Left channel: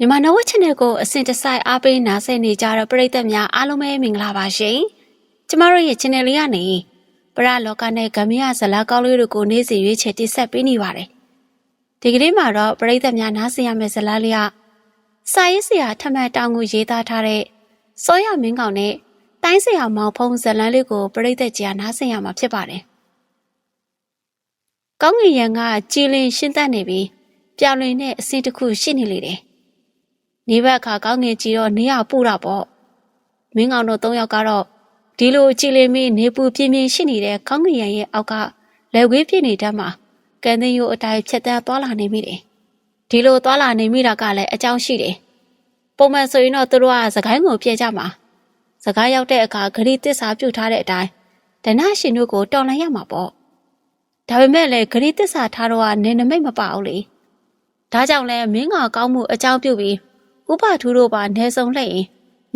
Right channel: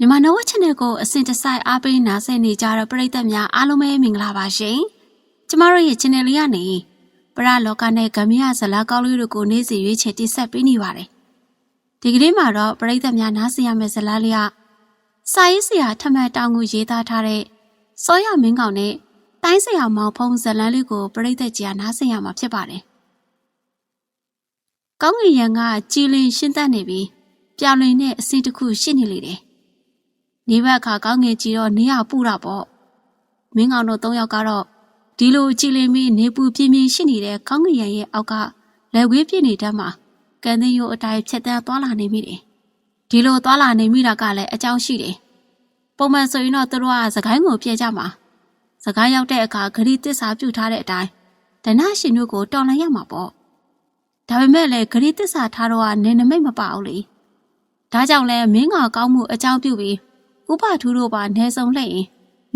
မြန်မာနဝ channel ကိုအစဉ်တစိုက်အားပေးနားဆင်နေကြတဲ့ပရိသတ်များအားလုံးပဲမင်္ဂလာပါရှင်။ကျမတို့ရဲ့ channel လေးကနေပရလောကနဲ့ဂမ်မီယာဇလာကောင်းလေးတွေကိုနေ့စဉ်ရွေးချယ်တင်ဆက်ပေးနေပါတယ်။ဒီကနေ့မှာတော့ပရိသတ်များနားဆင်ရမယ့်ဇာတ်လမ်းလေးကစာရေးဆရာထမန်တောင်ကိုရေးသားထားတဲ့စောရမင်းကောင်နဲ့တိုင်းဆရာမောင်ဖုံးဇာတ်လမ်းလေးကိုပရိသတ်ကြီးကနားဆင်ရမှာဖြစ်ပါတယ်။ကောင်းငင်ရံကကြည်လင်ရှင်းတတ်နေပြီးပြောင်လွင်တဲ့အဆင့်တစ်ခုရှိနေလေတယ်။ နေဘက်ခါကောင်းငင်ကြည့်တော့နေရပူတာပေါ့မင်းကောင်တို့၃ယောက်ကတော့ဒီလိုကြည်လင်ပြီးနေပူပြင်းပြင်းရှိနေတဲ့ကောင်းငင်ရံရဲ့အောက်ကလက်ဝေးပြည့်နေတတ်မှာကန်သင်းရိုးအတိုင်းဖြတ်တန်းသွားလာနေမိတယ်ဒီလိုသွားလာနေမိတာကလည်းအကြောင်းရှိတယ်ပုံမှန်ဆိုရင်တော့သူတို့ကစကိုင်းကိုပြေးကြမှာစကိုင်းရောက်တဲ့အခါဂရီတစ္ဆာပြုတ်ထားတဲ့အတိုင်းဒဏရှင်တို့ကိုတော်လှန်ရမှာပေါ့ဒါပေမဲ့လည်းဂရီတစ္ဆာထားတော့ကနေနမိတ်မပအောင်လေဒါကြောင့်လဲမင်းကကောင်းမှုအကြောင်းပြုပြီး ဥပထူးတို့ပါနေဆုံလှည့်ရင်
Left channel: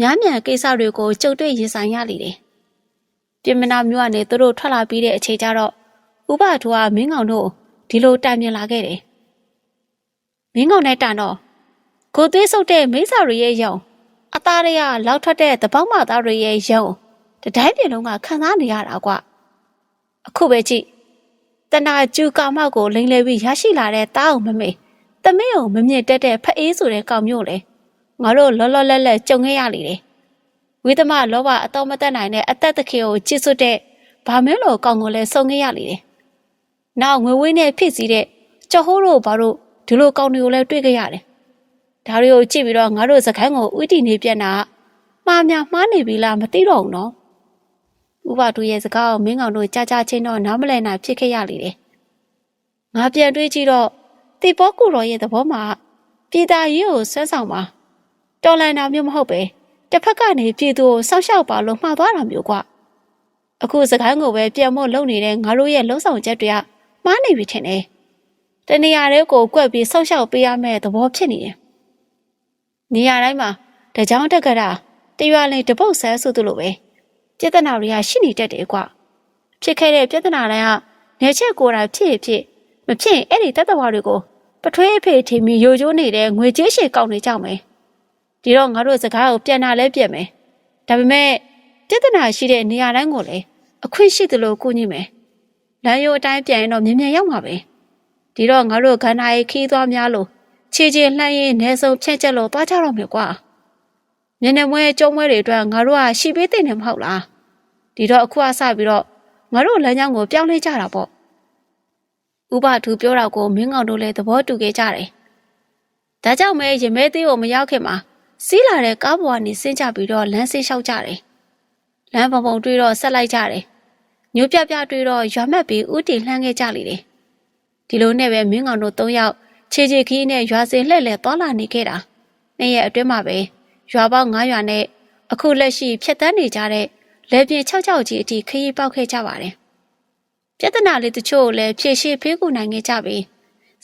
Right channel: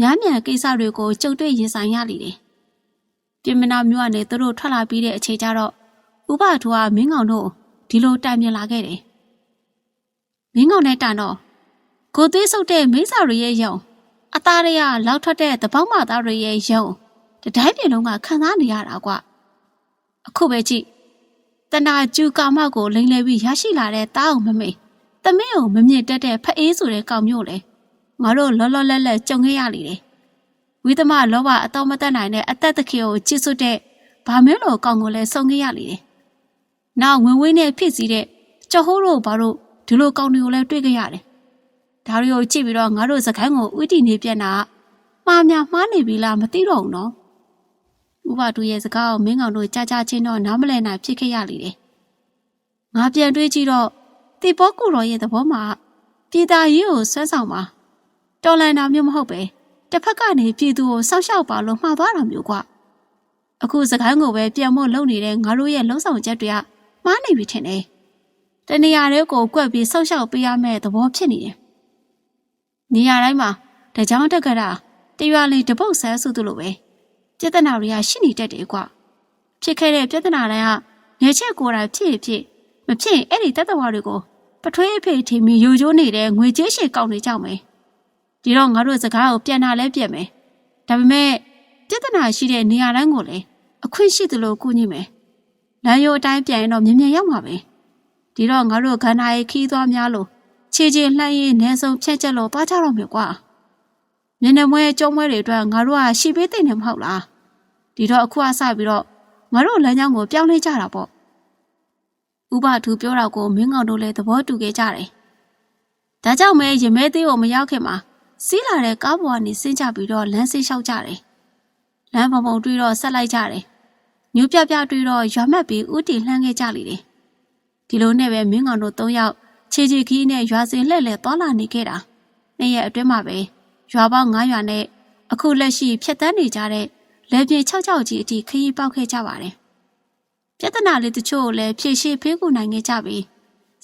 များမြန်ကိစ္စတွေကိုကြုံတွေ့ရင်ဆိုင်ရလိမ့်တယ်။ပြင်မနာမျိုးကနေသူတို့ထွက်လာပြီးတဲ့အချိန်ကျတော့ဥပထူးကမင်းကောင်တို့ဒီလိုတိုင်မြင်လာခဲ့တယ်။မင်းကောင်နဲ့တန်တော့ကိုသွေးဆုပ်တဲ့မိစ္ဆာတွေရဲ့ယုံအသားတွေကလောက်ထွက်တဲ့တပေါင်းမသားတွေရဲ့ယုံတတိုင်းပြင်လုံးကခံစားနေရတာကွ။အခုပဲကြည့်တနာကျူကာမောက်ကိုလိမ့်လဲပြီးရရှိလာတဲ့တားအောင်မမေတမင်းကိုမမြင့်တက်တဲ့ဖအေးဆိုတဲ့ကောင်မျိုးလေ ငါတို့လောလောလတ်လတ်ကြုံခဲ့ရလေတယ်။ဝိသမလောဘအတော်မတက်နိုင်တဲ့အသက်တခေကိုချစ်စွတ်တဲ့ဗာမင်းလိုကောင်ကိုလည်းစုံခဲ့ရလေတယ်။နောက်ငွေဝင်းနဲ့ဖြစ်စီတဲ့ကြော်ဟိုးတို့ဘာလို့ဒီလိုကောင်တွေကိုလည်းတွေ့ခဲ့ရတယ်။ဒါတွေကိုကြည့်ပြီးတော့ငါတို့စကိုင်းကိုဥတီနေပြန်တာမှားများမှားနေပြီလားမသိတော့ဘူးနော်။ဥပတူရဲ့စကားကိုမင်းကောင်တို့ကြားကြားချင်းတော့နားမလည်နိုင်ဖြစ်ခဲ့ရလေတယ်။ငါပြန်တွေးကြည့်တော့တေဘောကူတော်ရဲ့သဘောမှာပြည်သားရေးကိုဆွဲဆောင်ပါ တော်လန်တာမျိုးမဟုတ်ပဲတစ်ဖက်ကနေပြည်သူကိုစောက်ရှောက်ပါလို့မှားသွားတာမျိုးကွာအခုစကိုင်းကိုပဲပြန်မို့လုံနေတဲ့ငါတို့ရဲ့လှုံ့ဆော်ချက်တွေကမှားနေပြီထင်တယ်တနေရာတွေကိုကွက်ပြီးစောက်ရှောက်ပေးရမယ့်သဘောဖြစ်နေတယ်နေရာတိုင်းမှာတကြောင်တက်ကရာတရွာလင်တပုတ်ဆန်းစုသူလိုပဲပြဿနာတွေကရှိနေတတ်တယ်ကွာဖြစ်ခဲ့တဲ့ပြဿနာတိုင်းကနေချက်ကိုယ်တိုင်ဖြစ်ဖြစ်မဖြစ်ရင်အဲ့ဒီတတ္တဝါတွေကိုပထွေးအဖေထီမီယိုကျိုးနေတဲ့ငွေကြေးရှည်ကောက်နေကြမယ် ဒီတော့ငါတို့စကားကိုပြန်လာလဲပြန်မယ်ဒါပေမဲ့ပြဿနာရှိတဲ့နေရာတိုင်းကိုလည်းအခွင့်ရှိသလိုကူညီမယ်လမ်းရိုးအတိုင်းပြန်ရင်တော့မြင်မြန်ရောက်မှာပဲဒီတော့ငါတို့ခန္ဓာရေးခီးသွားများလို့ခြေချင်းလှမ်းရင်းနေဆုံးဖြန့်ချက်လို့သွားကြတော့မယ်ကွာမျက်နှာမွဲကျုံးမွဲတွေအတွက်ငါတို့ကရှီပေးတဲ့နေမဟုတ်လားဒီတော့အခုအစပြီးတော့ငါတို့လမ်းကြောင်းကိုပြောင်းလဲကြတာပေါ့ဥပသူပြောတော့ကိုမင်းကောင်တို့လည်းသဘောတူခဲ့ကြတယ်ဒါကြောင့်မဲရင်မဲသေးကိုမရောက်ခင်မှာ စီးလာတဲ့ကားပေါ်ကနေဆင်းကြပြီးတော့လမ်းဆေးလျှောက်ကြတယ်။လမ်းပုံပုံတွေ့တော့ဆက်လိုက်ကြတယ်။ညိုပြပြတွေ့တော့ရွာမက်ပြီးဥတီလှမ်းခဲ့ကြလေတယ်။ဒီလိုနဲ့ပဲမင်းကောင်တို့၃ယောက်ခြေခြေခီးနဲ့ရွာစင်လှည့်လှည့်သွားလာနေခဲ့တာ။နေ့ရက်အတွင်းမှာပဲရွာပေါင်း9ရွာနဲ့အခုလက်ရှိဖြတ်တန်းနေကြတဲ့လေပြင်း6ချောက်ကြီးအထိခရီးပေါက်ခဲ့ကြပါတယ်။ပြဿနာလေးတချို့ကိုလည်းဖြည့်ရှင်းဖေးကူနိုင်ခဲ့ကြပြီး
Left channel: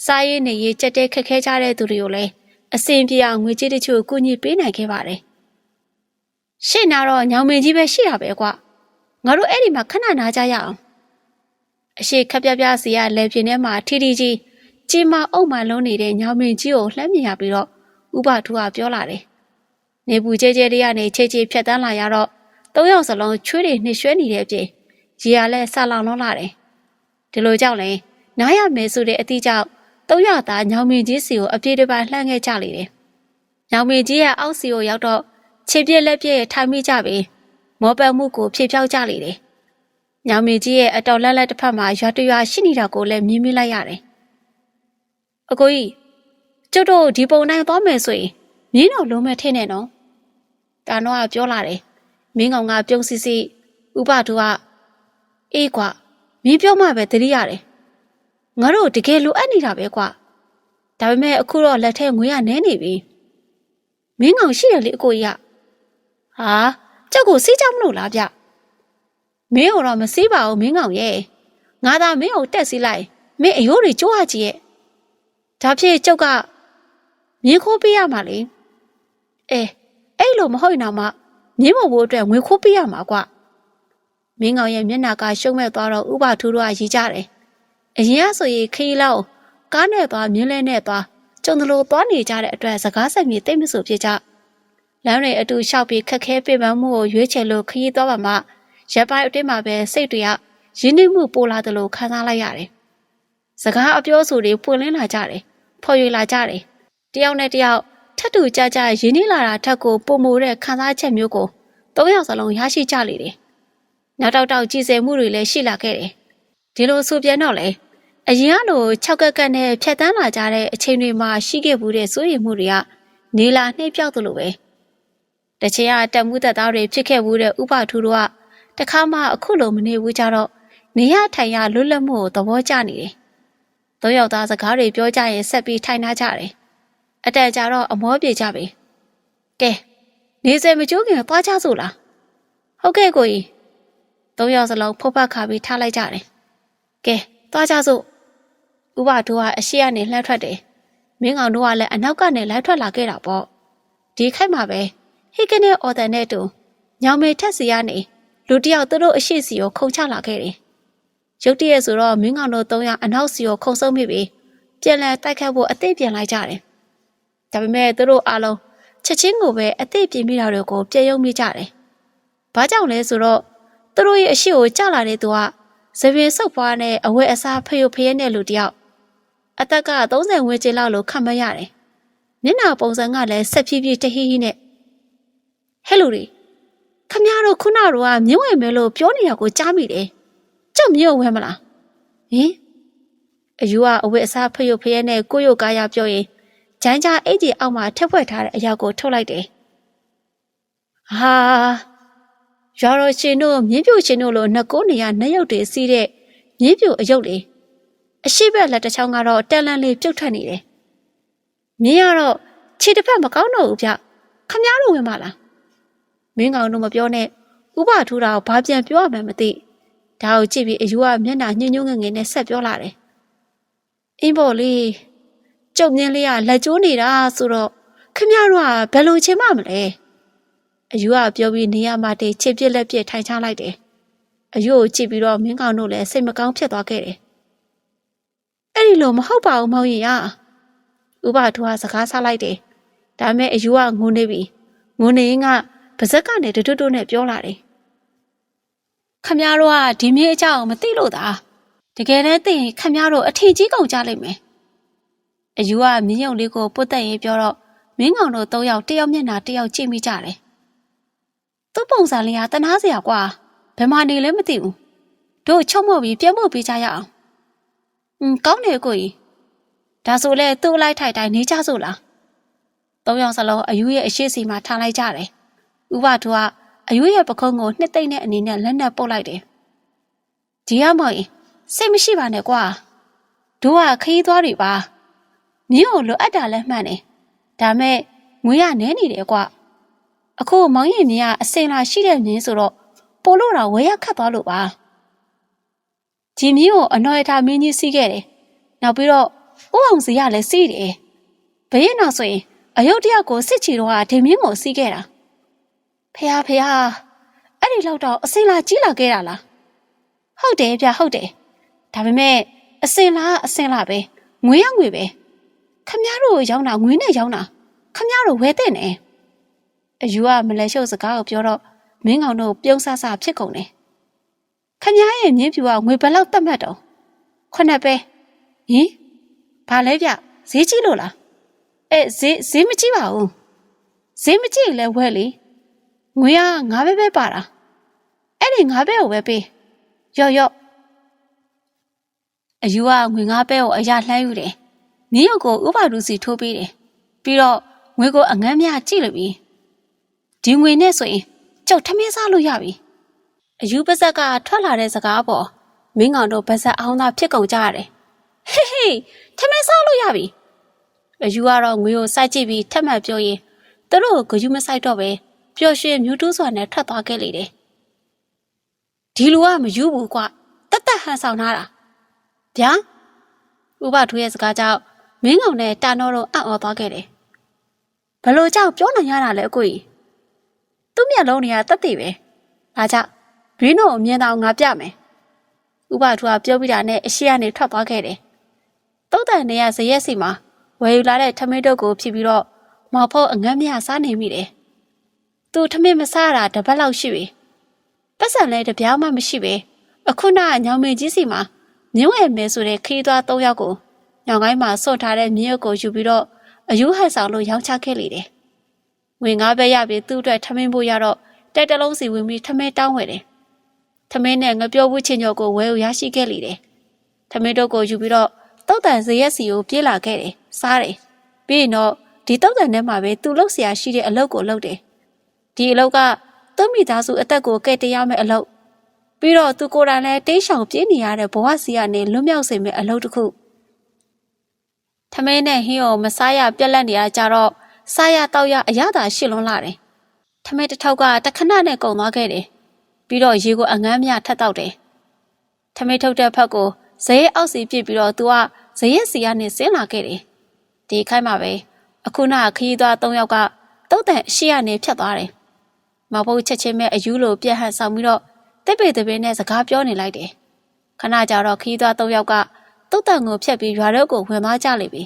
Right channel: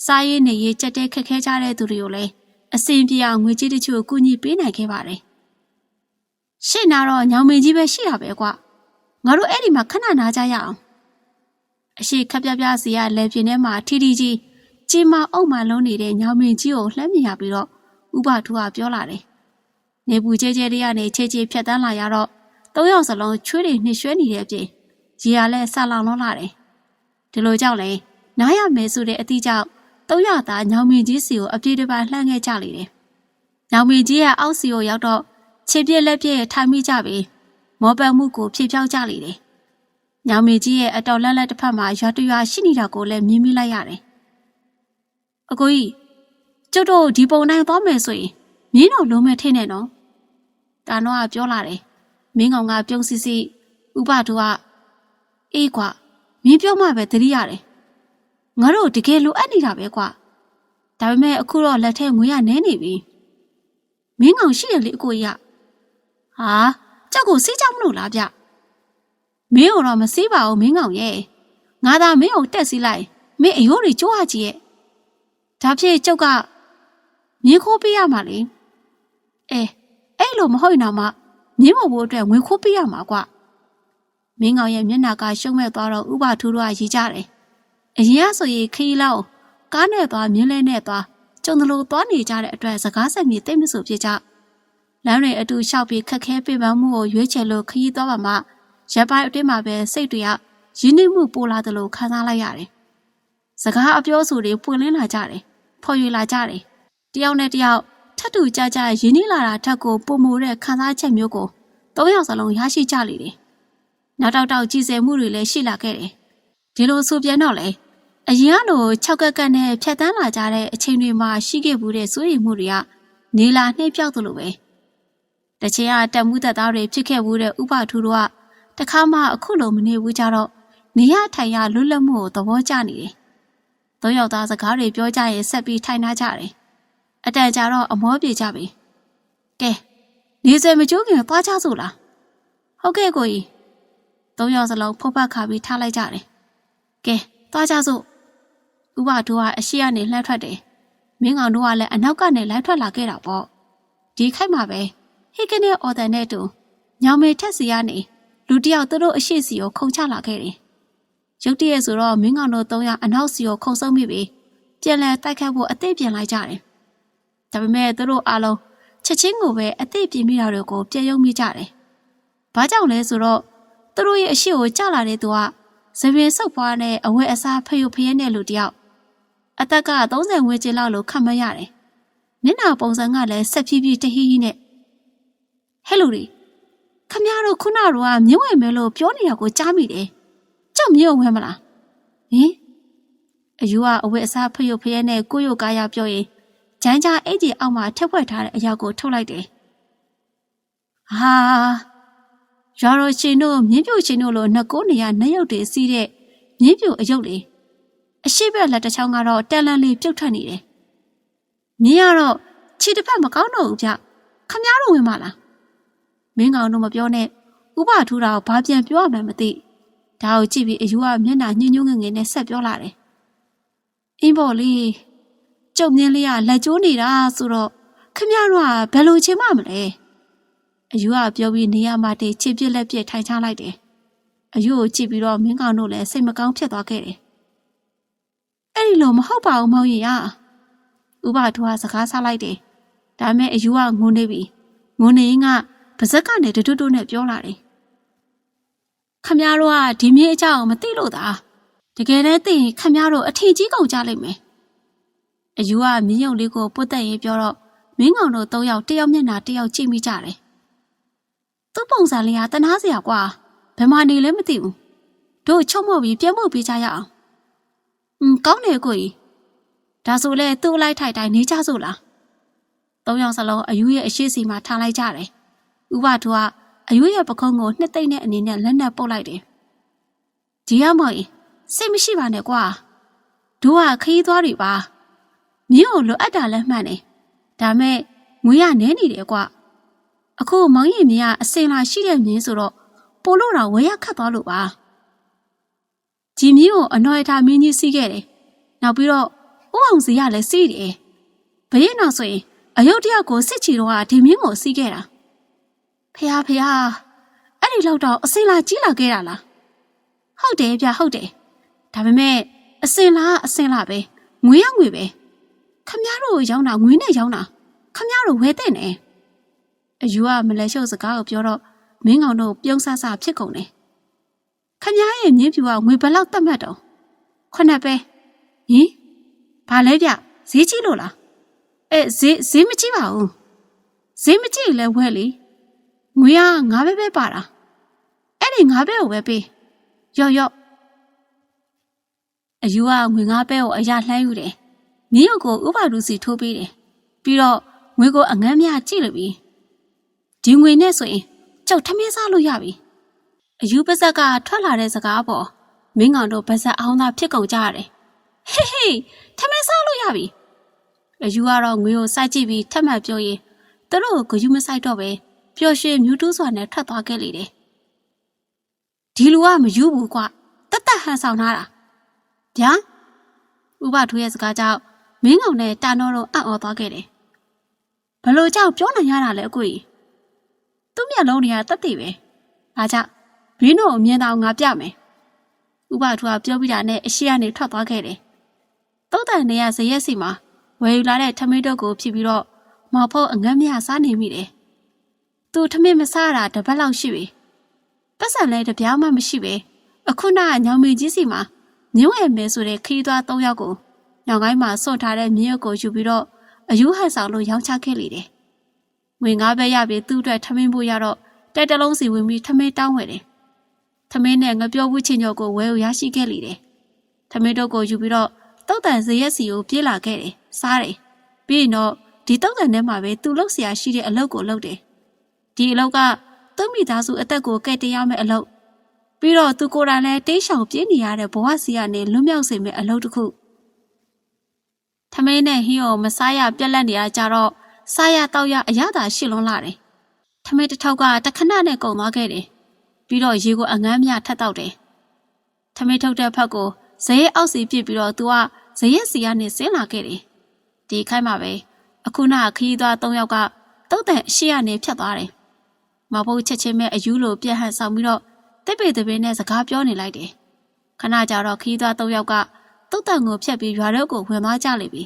စားရည်နေရေးကြက်တဲခက်ခဲကြတဲ့သူတွေကိုလည်း အစင်ပြေအောင်ငွေကြေးတချို့ကူညီပေးနိုင်ခဲ့ပါတယ်။ရှေ့နာတော့ညောင်မင်းကြီးပဲရှိတာပဲကွာ။ငါတို့အဲ့ဒီမှာခဏနာကြရအောင်။အရှိခက်ပြပြစီရလဲပြင်းထဲမှာထီထီကြီးကြီးမအုပ်မှလုံးနေတဲ့ညောင်မင်းကြီးကိုလှမ်းမြင်ရပြီးတော့ဥပထူကပြောလာတယ်။နေပူကျဲကျဲလေးကနေချေချေဖြတ်တန်းလာရတော့သုံးယောက်စလုံးချွေးတွေနှိရွှဲနေတဲ့အပြင်ကြီးရလဲဆလောင်လုံးလာတယ်။ဒီလိုကြောင့်လဲနားရမယ်ဆိုတဲ့အသည့်ကြောင့် သုံးရသားညောင်မင်းကြီးစီကိုအပြေးတစ်ပိုင်းလှမ်းခဲ့ကြလေတယ်။ညောင်မင်းကြီးရဲ့အောက်စီကိုရောက်တော့ခြေပြက်လက်ပြက်ထိုင်မိကြပြီးမောပန်မှုကိုဖြေဖြောက်ကြလေတယ်။ညောင်မင်းကြီးရဲ့အတော်လက်လက်တစ်ဖက်မှာရွာတရွာရှိနေတာကိုလည်းမြင်မိလိုက်ရတယ်။အကိုကြီးကျုပ်တို့ဒီပုံနိုင်သွားမယ်ဆိုရင်မင်းတော်လုံးမဲ့ထင်းနေနော်။တာနောကပြောလာတယ်။မင်းကောင်ကပြုံးစီစီဥပဒုကအေးကွာမင်းပြောမှပဲတတိရတယ်။ ငါတို့တကယ်လိုအပ်နေတာပဲကွာဒါပေမဲ့အခုတော့လက်ထဲငွေရနဲနေပြီမင်းကောင်ရှိတယ်လေအကိုကြီးကဟာကြောက်ကိုစီးကြမလို့လားဗျမင်းတော့မစီးပါဘူးမင်းကောင်ရဲ့ငါသာမင်းကိုတက်စီးလိုက်မင်းအယိုးတွေကြိုးရကြည့်ရဲ့ဒါဖြစ်ကျုပ်ကမြင်းခိုးပေးရမှာလေအဲအဲ့လိုမဟုတ်ရင်တော့မှမြင်းမဖို့အတွက်ငွေခိုးပေးရမှာကွမင်းကောင်ရဲ့မျက်နှာကရှုံးမဲ့သွားတော့ဥပထူးတော့ရည်ကြတယ် အရင်ကဆိုရင်ခရီးလောက်ကားနဲ့သွားမြင်းလဲနဲ့သွားကျကျုံတလို့သွားနေကြတဲ့အတွက်စကားဆက်မြေတိတ်မဆိုဖြစ်ကြလမ်းတွေအတူလျှောက်ပြီးခက်ခဲပြပန်းမှုကိုရွေးချယ်လို့ခရီးသွားပါမှရပ်ပိုင်းအတွင်းမှာပဲစိတ်တွေကရင်းနှီးမှုပိုလာတယ်လို့ခံစားလိုက်ရတယ်စကားအပြောဆိုတွေပွင့်လင်းလာကြတယ်ဖော်ရွေလာကြတယ်တယောက်နဲ့တယောက်ထပ်တူကြကြရင်းနှီးလာတာထက်ကိုပုံမိုတဲ့ခံစားချက်မျိုးကိုသုံးယောက်စလုံးရရှိကြလေတယ်နောက်တောက်တောက်ကြည်စဲမှုတွေလည်းရှိလာခဲ့တယ် ဒီလိုဆိုပြန်တော့လေအရင်ကလို၆ကက်ကက်နဲ့ဖြတ်တန်းလာကြတဲ့အချိန်တွေမှာရှိခဲ့မှုတဲ့စိုးရိမ်မှုတွေကနေလာနှိမ့်ပြောက်သလိုပဲတချင်ကတက်မှုတက်သားတွေဖြစ်ခဲ့မှုတဲ့ဥပထူတို့ကတခါမှအခုလိုမနေဘူးကြတော့နေရထိုင်ရလွတ်လပ်မှုကိုသဘောကျနေတယ်။သုံးယောက်သားစကားတွေပြောကြရင်ဆက်ပြီးထိုင်ထားကြတယ်။အတန်ကြာတော့အမောပြေကြပြီ။ကဲနေစဲမကျိုးခင်သွားကြစို့လား။ဟုတ်ကဲ့ကိုကြီး။သုံးယောက်စလုံးဖုတ်ဖတ်ခါပြီးထားလိုက်ကြတယ်။ ကဲသွားကြစို့။ဥပထူကအရှိကနေလှမ်းထွက်တယ်။မင်းကောင်တို့ကလည်းအနောက်ကနေလိုက်ထွက်လာခဲ့တာပေါ့။ဒီခိုက်မှာပဲဟိကနဲ့အော်တန်နဲ့တူညောင်မေထက်စီကနေလူတယောက်သူတို့အရှိစီကိုခုံချလာခဲ့တယ်။ရုတ်တရက်ဆိုတော့မင်းကောင်တို့၃ယောက်အနောက်စီကိုခုံဆုံးမိပြီးပြန်လည်တိုက်ခတ်ဖို့အသိပြန်လိုက်ကြတယ်။ဒါပေမဲ့သူတို့အားလုံးချက်ချင်းကိုပဲအသိပြင်မိတာတွေကိုပြယုံမိကြတယ်။ဘာကြောင့်လဲဆိုတော့သူတို့ရဲ့အရှိကိုကြလာတဲ့သူက သပင်ဆုပ်ပွားနဲ့အဝတ်အစားဖယုတ်ဖယဲနဲ့လူတယောက်အသက်က30ဝန်းကျင်လောက်လို့ခံမရတယ်။မျက်နှာပုံစံကလည်းဆက်ဖြည်းဖြည်းတဟီးဟီးနဲ့ဟဲ့လူတွေခမရတို့ခုနကတော့မြင့်ဝဲမဲလို့ပြောနေတာကိုကြားမိတယ်။ကြောက်မြင့်ဝဲမလား။ဟင်အယူကအဝတ်အစားဖယုတ်ဖယဲနဲ့ကိုရုတ်ကားရပြောရင်ဂျမ်းကြားအိတ်ကြီးအောက်မှာထက်ဖွက်ထားတဲ့အရာကိုထုတ်လိုက်တယ်။ဟာ ရော်ရရှင်တို့မြင်းပြိုရှင်တို့လိုနှစ်ကိုးနေရနှစ်ရုပ်တွေစီးတဲ့မြင်းပြိုအယုတ်လေးအရှိဘက်လက်တစ်ချောင်းကတော့တန်လန်လေးပြုတ်ထွက်နေတယ်။မြင်းကတော့ခြေတစ်ဖက်မကောင်းတော့ဘူးဗျ။ခမရတို့ဝင်မလား။မင်းကောင်တို့မပြောနဲ့ဥပထူတာကိုဘာပြန်ပြောရမှန်းမသိ။ဒါကိုကြည့်ပြီးအယူကမျက်နှာညှို့ညွှငငယ်နဲ့ဆက်ပြောလာတယ်။အင်းပေါ်လေးကျုပ်မြင်းလေးကလက်ကျိုးနေတာဆိုတော့ခမရတို့ကဘယ်လိုချင်မှမလဲ။ အယူကပြောပြီးနေရမှတည်းချစ်ပြစ်လက်ပြစ်ထိုင်ချလိုက်တယ်။အယူကိုကြည့်ပြီးတော့မင်းကောင်တို့လည်းစိတ်မကောင်းဖြစ်သွားခဲ့တယ်။အဲ့ဒီလိုမဟုတ်ပါဘူးမောင်ရင်ရ။ဥပထူကစကားဆလိုက်တယ်။ဒါမဲ့အယူကငုံနေပြီ။ငုံနေရင်ကပါဇက်ကနေတွတ်တွတ်နဲ့ပြောလာတယ်။ခမရတို့ကဒီမြေအကြောင်းမသိလို့သာတကယ်တည်းသိရင်ခမရတို့အထင်ကြီးကုန်ကြလိမ့်မယ်။အယူကမြင်းရုံလေးကိုပုတ်တက်ရေးပြောတော့မင်းကောင်တို့၃ယောက်တယောက်မျက်နှာတယောက်ကြည့်မိကြတယ်။ သူ့ပုံစံလေးကတနာစရာကွာဘယ်မှနေလဲမသိဘူး။တို့ချုံမော့ပြီးပြန်ဖို့ပြီးကြရအောင်။อืมကောင်းတယ်ကိုကြီး။ဒါဆိုလဲသူ့အလိုက်ထိုက်တိုင်းနေကြစို့လား။၃ယောက်စလုံးအယူရဲ့အရှိစီမှာထားလိုက်ကြတယ်။ဥပထူကအယူရဲ့ပခုံးကိုနှစ်သိမ့်တဲ့အနေနဲ့လက်နဲ့ပုတ်လိုက်တယ်။ဒီရမောင်စိတ်မရှိပါနဲ့ကွာ။တို့ကခရီးသွားတွေပါ။မင်းကိုလိုအပ်တာလည်းမှန်တယ်။ဒါမဲ့ငွေရနဲနေတယ်ကွာ။ အခုမောင်ရင်မြင်ကအစင်လာရှိတဲ့မြင်းဆိုတော့ပို့လို့တော့ဝဲရခတ်သွားလို့ပါ။ဂျီမီကိုအနော်ရထားမင်းကြီးစီးခဲ့တယ်။နောက်ပြီးတော့ဥအောင်စီကလည်းစီးတယ်။ဘယ်နောက်ဆိုရင်အယုတ်တယောက်ကိုစစ်ချီတော့ကဒီမင်းကိုစီးခဲ့တာ။ဖះဖះအဲ့ဒီလောက်တော့အစင်လာကြီးလာခဲ့တာလား။ဟုတ်တယ်ဗျဟုတ်တယ်။ဒါပေမဲ့အစင်လာအစင်လာပဲငွေရငွေပဲခမည်းတော်ရောင်းတာငွေနဲ့ရောင်းတာခမည်းတော်ဝဲတဲ့နဲ့ အယူကမလဲရှုပ်စကားကိုပြောတော့မင်းကောင်တို့ပြုံးဆဆဖြစ်ကုန်တယ်ခမည်းရဲ့မြင်းဖြူကငွေဘယ်လောက်တတ်မှတ်တော့ခုနှစ်ပဲဟင်ဘာလဲဗျဈေးကြီးလို့လားအဲဈေးဈေးမကြီးပါဘူးဈေးမကြီးလဲဝဲလေငွေကငါးပဲပဲပါတာအဲ့ဒီငါးပဲကိုပဲပေးရော့ရော့အယူကငွေငါးပဲကိုအရာလှမ်းယူတယ်မင်းရုပ်ကိုဥပဒုစီထိုးပေးတယ်ပြီးတော့ငွေကိုအငန်းများကြည့်လိုက်ပြီ ဒီငွေနဲ့ဆိုရင်ကြောက်ထမင်းစားလို့ရပြီအယူပါဇက်ကထွက်လာတဲ့စကားပေါ်မင်းကောင်တို့ပါဇက်အောင်သာဖြစ်ကုန်ကြရတယ်ဟေးဟေးထမင်းစားလို့ရပြီအယူကတော့ငွေကိုစိုက်ကြည့်ပြီးထပ်မှတ်ပြောရင်သူတို့ကိုဂယူမဆိုင်တော့ပဲပျော်ရွှင်မြူးတူးစွာနဲ့ထွက်သွားခဲ့လေတယ်ဒီလူကမယူဘူးကွတတ်တတ်ဟန်ဆောင်လာတာဗျာဥပထူရဲ့စကားကြောင့်မင်းကောင်နဲ့တာနောတို့အံ့ဩသွားခဲ့တယ်။ဘလို့ကြောင့်ပြောနိုင်ရတာလဲအကိုကြီး။ သူ့မျက်လုံးတွေကတက်တည်ပဲ။ဒါကြောင့်ဘင်းတို့အမြင်တော်ငါပြမယ်။ဥပထူကပြောပြီးတာနဲ့အရှိကနေထွက်သွားခဲ့တယ်။တုတ်တန်နေရဇရက်စီမှာဝယ်ယူလာတဲ့ထမင်းတုပ်ကိုဖြစ်ပြီးတော့မောင်ဖို့အငမ်းမြစားနေမိတယ်။သူထမင်းမစားတာတစ်ပတ်လောက်ရှိပြီ။ပတ်စံလည်းတစ်ပြားမှမရှိပဲအခုနကညောင်မင်းကြီးစီမှာမြင်းဝဲမဲဆိုတဲ့ခရီးသွား၃ယောက်ကိုညောင်ကိုင်းမှာစွန့်ထားတဲ့မြင်းရုပ်ကိုယူပြီးတော့အယူဟန်ဆောင်လို့ရောင်းချခဲ့လေတယ်။ ဝင်ကားပဲရပြီးသူ့အတွက်ထမင်းဖို့ရတော့တက်တလုံးစီဝင်ပြီးထမင်းတောင်းဝယ်တယ်။ထမင်းနဲ့ငပြောဘူးချင်းညော့ကိုဝဲကိုရရှိခဲ့လိတယ်။ထမင်းတို့ကိုယူပြီးတော့တောက်တန်ဇရက်စီကိုပြေးလာခဲ့တယ်။စားတယ်။ပြီးရင်တော့ဒီတောက်တန်ထဲမှာပဲသူ့လောက်ဆရာရှိတဲ့အလုပ်ကိုလုပ်တယ်။ဒီအလုပ်ကသူ့မိသားစုအသက်ကိုကယ်တင်ရမယ့်အလုပ်။ပြီးတော့သူကိုယ်တိုင်လည်းတိတ်ဆောင်ပြေးနေရတဲ့ဘဝစီကနေလွတ်မြောက်စေမယ့်အလုပ်တစ်ခု။ထမင်းနဲ့ဟင်းကိုမစားရပြက်လက်နေရကြတော့ စားရတောက်ရအရသာရှစ်လွန်းလာတယ်ထမင်းတစ်ထောက်ကတခဏနဲ့ကုန်သွားခဲ့တယ်ပြီးတော့ရေကိုအငမ်းမြထပ်တောက်တယ်ထမင်းထုတ်တဲ့ဖက်ကိုဇရဲအောက်စီပြစ်ပြီးတော့သူကဇရက်စီကနေဆင်းလာခဲ့တယ်ဒီခိုင်းမှာပဲအခုနခရီးသွား၃ယောက်ကတုတ်တန်အရှိကနေဖြတ်သွားတယ်မဘုတ်ချက်ချင်းမဲ့အယူလိုပြက်ဟန်ဆောင်ပြီးတော့တစ်ပေတပင်းနဲ့စကားပြောနေလိုက်တယ်ခဏကြာတော့ခရီးသွား၃ယောက်ကတုတ်တန်ကိုဖြတ်ပြီးရွာတော့ကိုဝင်သွားကြလိမ့်ပြီ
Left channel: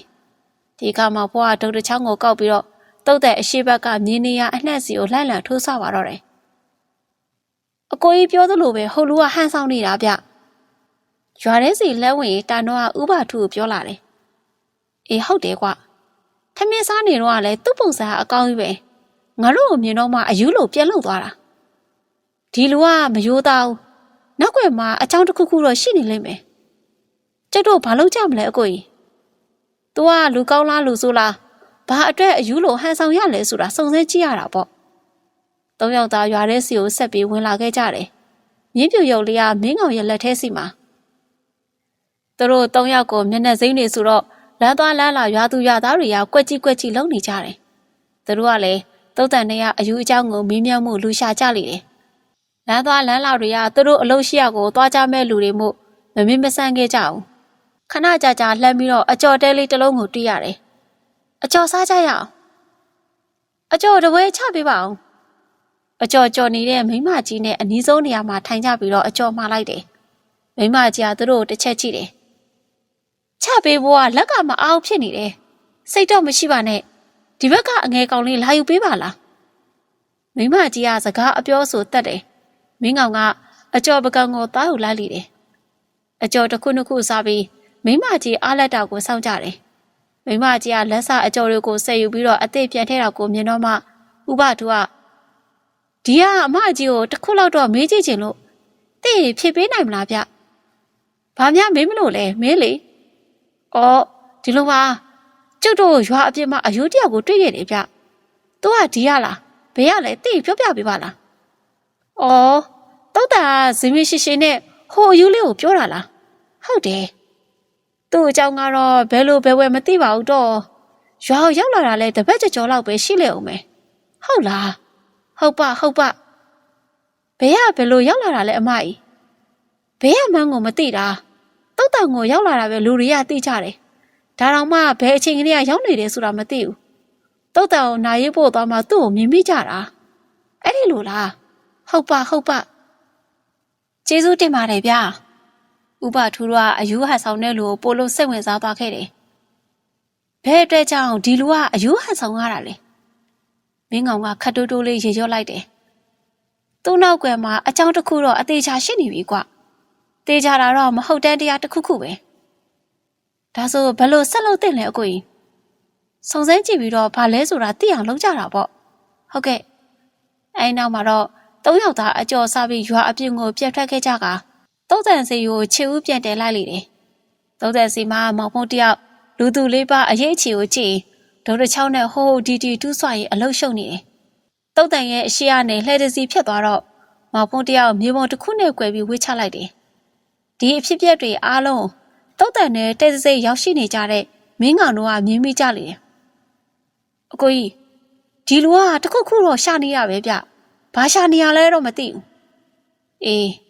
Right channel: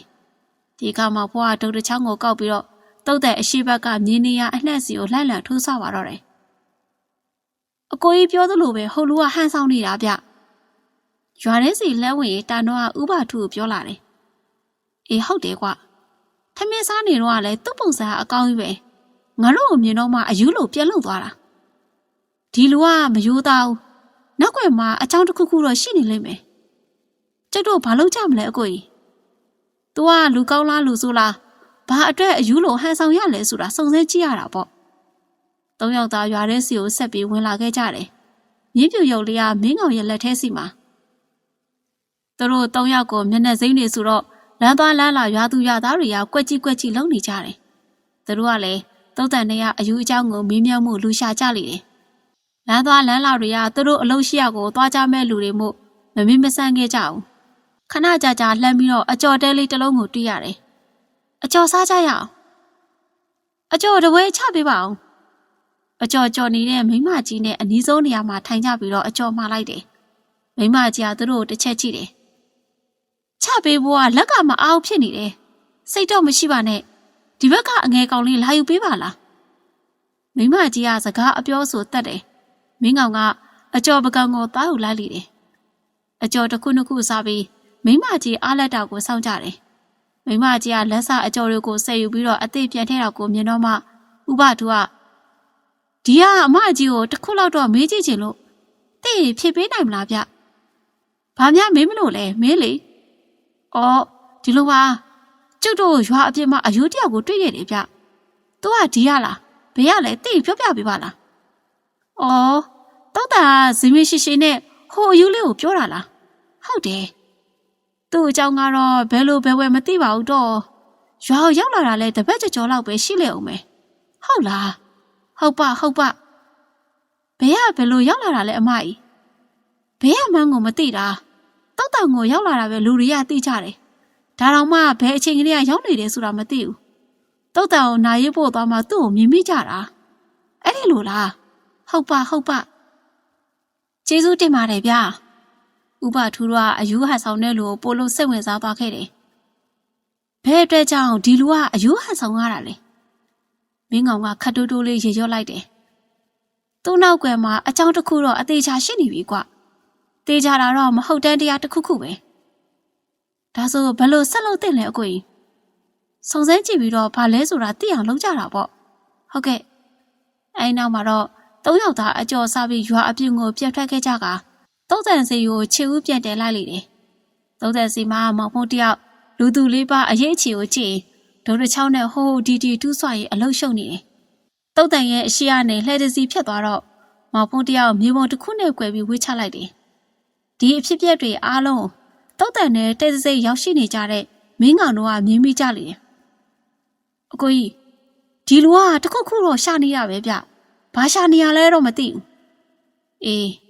ဒီကမှဘွားကဒုတ်တချောင်းကိုကောက်ပြီးတော့ တုတ်တဲ့အရှိဘက်ကမြင်းနေရအနှက်စီကိုလှိုက်လံထိုးဆပါတော့တယ်အကိုကြီးပြောသလိုပဲဟိုလူကဟန်ဆောင်နေတာဗျရွာထဲစီလဲဝင်တန်တော့ကဥပထုကိုပြောလာတယ်အေးဟုတ်တယ်ကွထမင်းစားနေတော့ကလည်းသူ့ပုံစံအကောင်းကြီးပဲငါတို့ကိုမြင်တော့မှအယူလို့ပြန်လုံသွားတာဒီလူကမယိုးသားဘူးနောက်ွယ်မှာအချောင်းတစ်ခုခုတော့ရှိနေလိမ့်မယ်ကျုပ်တို့ဘာလုပ်ကြမလဲအကိုကြီး။ तू ကလူကောင်းလားလူဆိုးလား ဘာအတွက်အယူလိုဟန်ဆောင်ရလဲဆိုတာစုံစမ်းကြည့်ရတာပေါ့။သုံးယောက်သားရွာထဲစီကိုဆက်ပြီးဝင်လာခဲ့ကြတယ်။မြင်းပြူရုပ်လေးကမင်းကောင်ရဲ့လက်ထဲစီမှာသူတို့သုံးယောက်ကိုမျက်နှာစိမ့်နေဆိုတော့လမ်းသွားလမ်းလာရွာသူရွာသားတွေကကွက်ကြီးကွက်ကြီးလုံနေကြတယ်။သူတို့ကလည်းတုတ်တန်တွေကအယူအကြောင်းကိုမင်းမြတ်မှုလူရှာကြလေတယ်။လမ်းသွားလမ်းလာတွေကသူတို့အလုပ်ရှိရကိုသွားကြမဲ့လူတွေမို့မမင်းမဆန်းခဲ့ကြဘူး။ခဏကြာကြာလှမ်းပြီးတော့အကြော်တဲလေးတစ်လုံးကိုတီးရတယ်။ အကြော်စားကြရအောင်။အကြော်တပွဲချပေးပါအောင်။အကြော်ကြော်နေတဲ့မိမကြီးနဲ့အနီးဆုံးနေရာမှာထိုင်ကြပြီးတော့အကြော်မှားလိုက်တယ်။မိမကြီးကသူတို့ကိုတစ်ချက်ကြည့်တယ်။ချပေးဖို့ကလက်ကမအားဖြစ်နေတယ်။စိတ်တော့မရှိပါနဲ့။ဒီဘက်ကအငယ်ကောင်လေးလာယူပေးပါလား။မိမကြီးကစကားအပြောဆိုတတ်တယ်။မင်းကောင်ကအကြော်ပကံကိုတားယူလိုက်လိတယ်။အကျော်တစ်ခုနှစ်ခုစားပြီးမိမကြီးအားလက်တောက်ကိုစောင့်ကြတယ်။ မိမကြီးကလက်စအကျော်တွေကိုဆက်ယူပြီးတော့အသေးပြန်ထဲတော့ကိုမြင်တော့မှဥပသူကဒီကအမကြီးကိုတစ်ခုလောက်တော့မေးကြည့်ချင်လို့တင့်ဖြေပေးနိုင်မလားဗျ။ဘာများမေးမလို့လဲမင်းလေ။အော်ဒီလိုပါကျုပ်တို့ရွာအပြစ်မှာအယိုးတယောက်ကိုတွေ့ရတယ်ဗျ။သူကဒီရလားဘယ်ရလဲတင့်ပြောပြပေးပါလား။အော်တောက်တာဇင်းမရှိရှိနဲ့ဟိုအယူလေးကိုပြောတာလားဟုတ်တယ် သူ့အကြောင်းကတော့ဘယ်လိုဘယ်ဝဲမသိပါဘူးတော့ရွာကိုရောက်လာတာလဲတပတ်ကြော်လောက်ပဲရှိလေအောင်မယ်ဟုတ်လားဟုတ်ပါဟုတ်ပါဘယ်ကဘယ်လိုရောက်လာတာလဲအမကြီးဘယ်ကမှန်းကိုမသိတာတောက်တောင်ကိုရောက်လာတာပဲလူတွေကသိကြတယ်ဒါတော့မှဘယ်အချိန်ကလေးကရောက်နေတယ်ဆိုတာမသိဘူးတောက်တောင်ကိုနာရေးဖို့သွားမှသူ့ကိုမြင်မိကြတာအဲ့ဒီလိုလားဟုတ်ပါဟုတ်ပါကျေးဇူးတင်ပါတယ်ဗျာ ဥပထူးကအယူဟန်ဆောင်တဲ့လူကိုပိုလို့စိတ်ဝင်စားသွားခဲ့တယ်ဘယ်အတွက်ကြောင့်ဒီလူကအယူဟန်ဆောင်ရတာလဲမင်းကောင်ကခတ်တိုးတိုးလေးရေရော့လိုက်တယ်သူ့နောက်ကွယ်မှာအကြောင်းတစ်ခုတော့အသေးချာရှိနေပြီကွတေးကြတာတော့မဟုတ်တန်းတရားတစ်ခုခုပဲဒါဆိုဘယ်လိုဆက်လုပ်တင်လဲအကိုကြီးစုံစမ်းကြည့်ပြီးတော့ဘာလဲဆိုတာသိအောင်လုပ်ကြတာပေါ့ဟုတ်ကဲ့အဲနောက်မှာတော့သုံးယောက်သားအကျော်စားပြီးရွာအပြင်ကိုပြတ်ထွက်ခဲ့ကြက တုံးတန်စီကိုခြေဦးပြန်တယ်လိုက်လေတယ်။တုံးတန်စီမှာမောင်ဖုံးတယောက်လူသူလေးပါအရေးအခြေကိုကြည့်ဒေါ်တချောင်းနဲ့ဟိုးဟိုဒီဒီတူးဆွရင်အလုရှုံနေတယ်။တုံးတန်ရဲ့အရှိကနေလှဲတစီဖြတ်သွားတော့မောင်ဖုံးတယောက်မြေပုံတစ်ခုနဲ့ကွယ်ပြီးဝှေ့ချလိုက်တယ်။ဒီအဖြစ်ပြက်တွေအားလုံးတုံးတန်နဲ့တဲစစိရောက်ရှိနေကြတဲ့မင်းကောင်တို့ကမြင်မိကြလေတယ်။အကိုကြီးဒီလူကတခုခုတော့ရှာနေရပဲဗျ။ဘာရှာနေရလဲတော့မသိဘူးအေး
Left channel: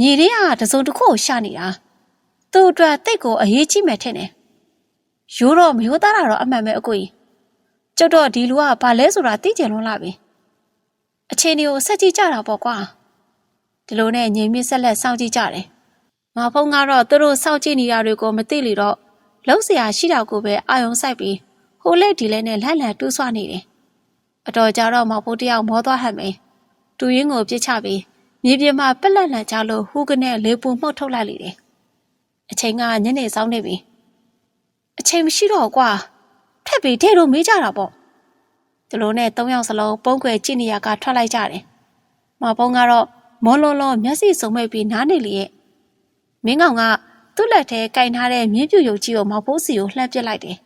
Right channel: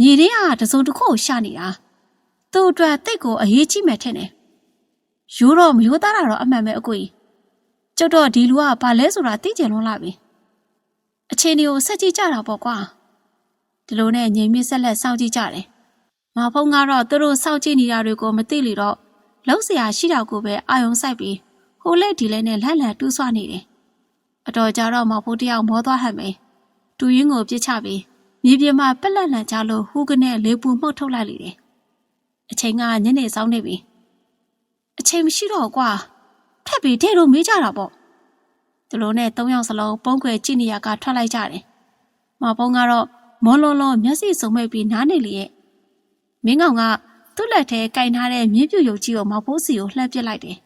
မြေထဲကတစုံတစ်ခုကိုရှာနေတာသူ့အတွက်တိတ်ကိုအရေးကြီးမယ်ထင်တယ်ရိုးတော့မရိုးသားတာတော့အမှန်ပဲအကိုကြီးကျုပ်တော့ဒီလူကဘာလဲဆိုတာသိကျင်လွန်းလာပြီအခြေအနေကိုဆက်ကြည့်ကြတာပေါ့ကွာဒီလိုနဲ့ငြိမ်မြစ်ဆက်လက်စောင့်ကြည့်ကြတယ်မဖုံးကတော့သူတို့စောင့်ကြည့်နေတာတွေကိုမသိလေတော့လုံးစရာရှိတာကိုပဲအာယုံစိုက်ပြီးဟိုလက်ဒီလက်နဲ့လှန်လှန်တူးဆွနေတယ်အတော်ကြတော့မဖုံးတယောက်မောသွားဟန်မယ်တူရင်းကိုပြစ်ချပြီး မြေပြင်မှာပက်လက်လန်ချလို့ဟူးကနေလေးပူမှုတ်ထုတ်လိုက်လိတယ်အချိန်ကညနေဆောင်နေပြီအချိန်မရှိတော့ကွာထက်ပြီးထဲတော့မေးကြတာပေါ့ဒီလိုနဲ့၃ယောက်စလုံးပုံကွယ်ကြည့်နေရကထွက်လိုက်ကြတယ်မောင်ပုံကတော့မောလုံးလုံးမျက်စိစုံမဲ့ပြီးနားနေလေရဲ့မင်းကောင်ကသူ့လက်ထဲကင်ထားတဲ့မြင်းပြူရုပ်ကြီးကိုမောင်ဖိုးစီကိုလှမ်းပစ်လိုက်တယ်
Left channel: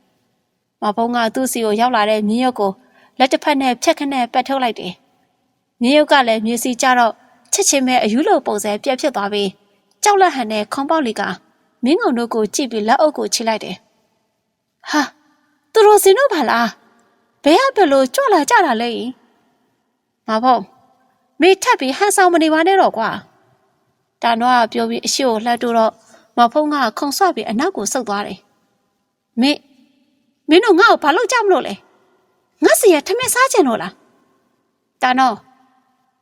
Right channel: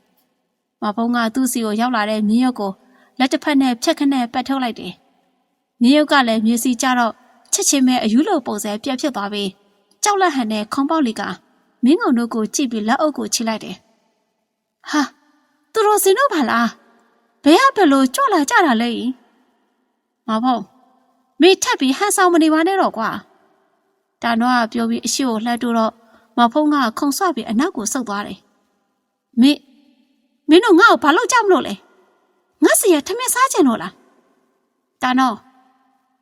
မောင်ဖုံးကသူ့စီကိုရောက်လာတဲ့မြင်းရုပ်ကိုလက်တစ်ဖက်နဲ့ဖြက်ခနဲ့ပတ်ထုတ်လိုက်တယ်မြင်းရုပ်ကလည်းမြေစီကြတော့ ချက်ချင်းပဲအယူလိုပုံစံပြက်ဖြစ်သွားပြီးကြောက်လက်ဟန်နဲ့ခေါင်းပေါက်လေးကမင်းကောင်တို့ကိုကြည့်ပြီးလက်အုပ်ကိုချိလိုက်တယ်ဟာသူတို့စင်တို့ပါလားဘယ်ကဘယ်လိုကြွလာကြတာလဲမဖုံးမေထက်ပြီးဟန်ဆောင်မနေပါနဲ့တော့ကွာတာနောကပြောပြီးအရှိကိုလှမ်းတိုးတော့မဖုံးကခုံဆွပြီးအနောက်ကိုဆုတ်သွားတယ်မင်းမင်းတို့ငါ့ကိုဘာလို့ကြမလို့လဲငါစီရထမင်းစားကြင်လို့လားတာနော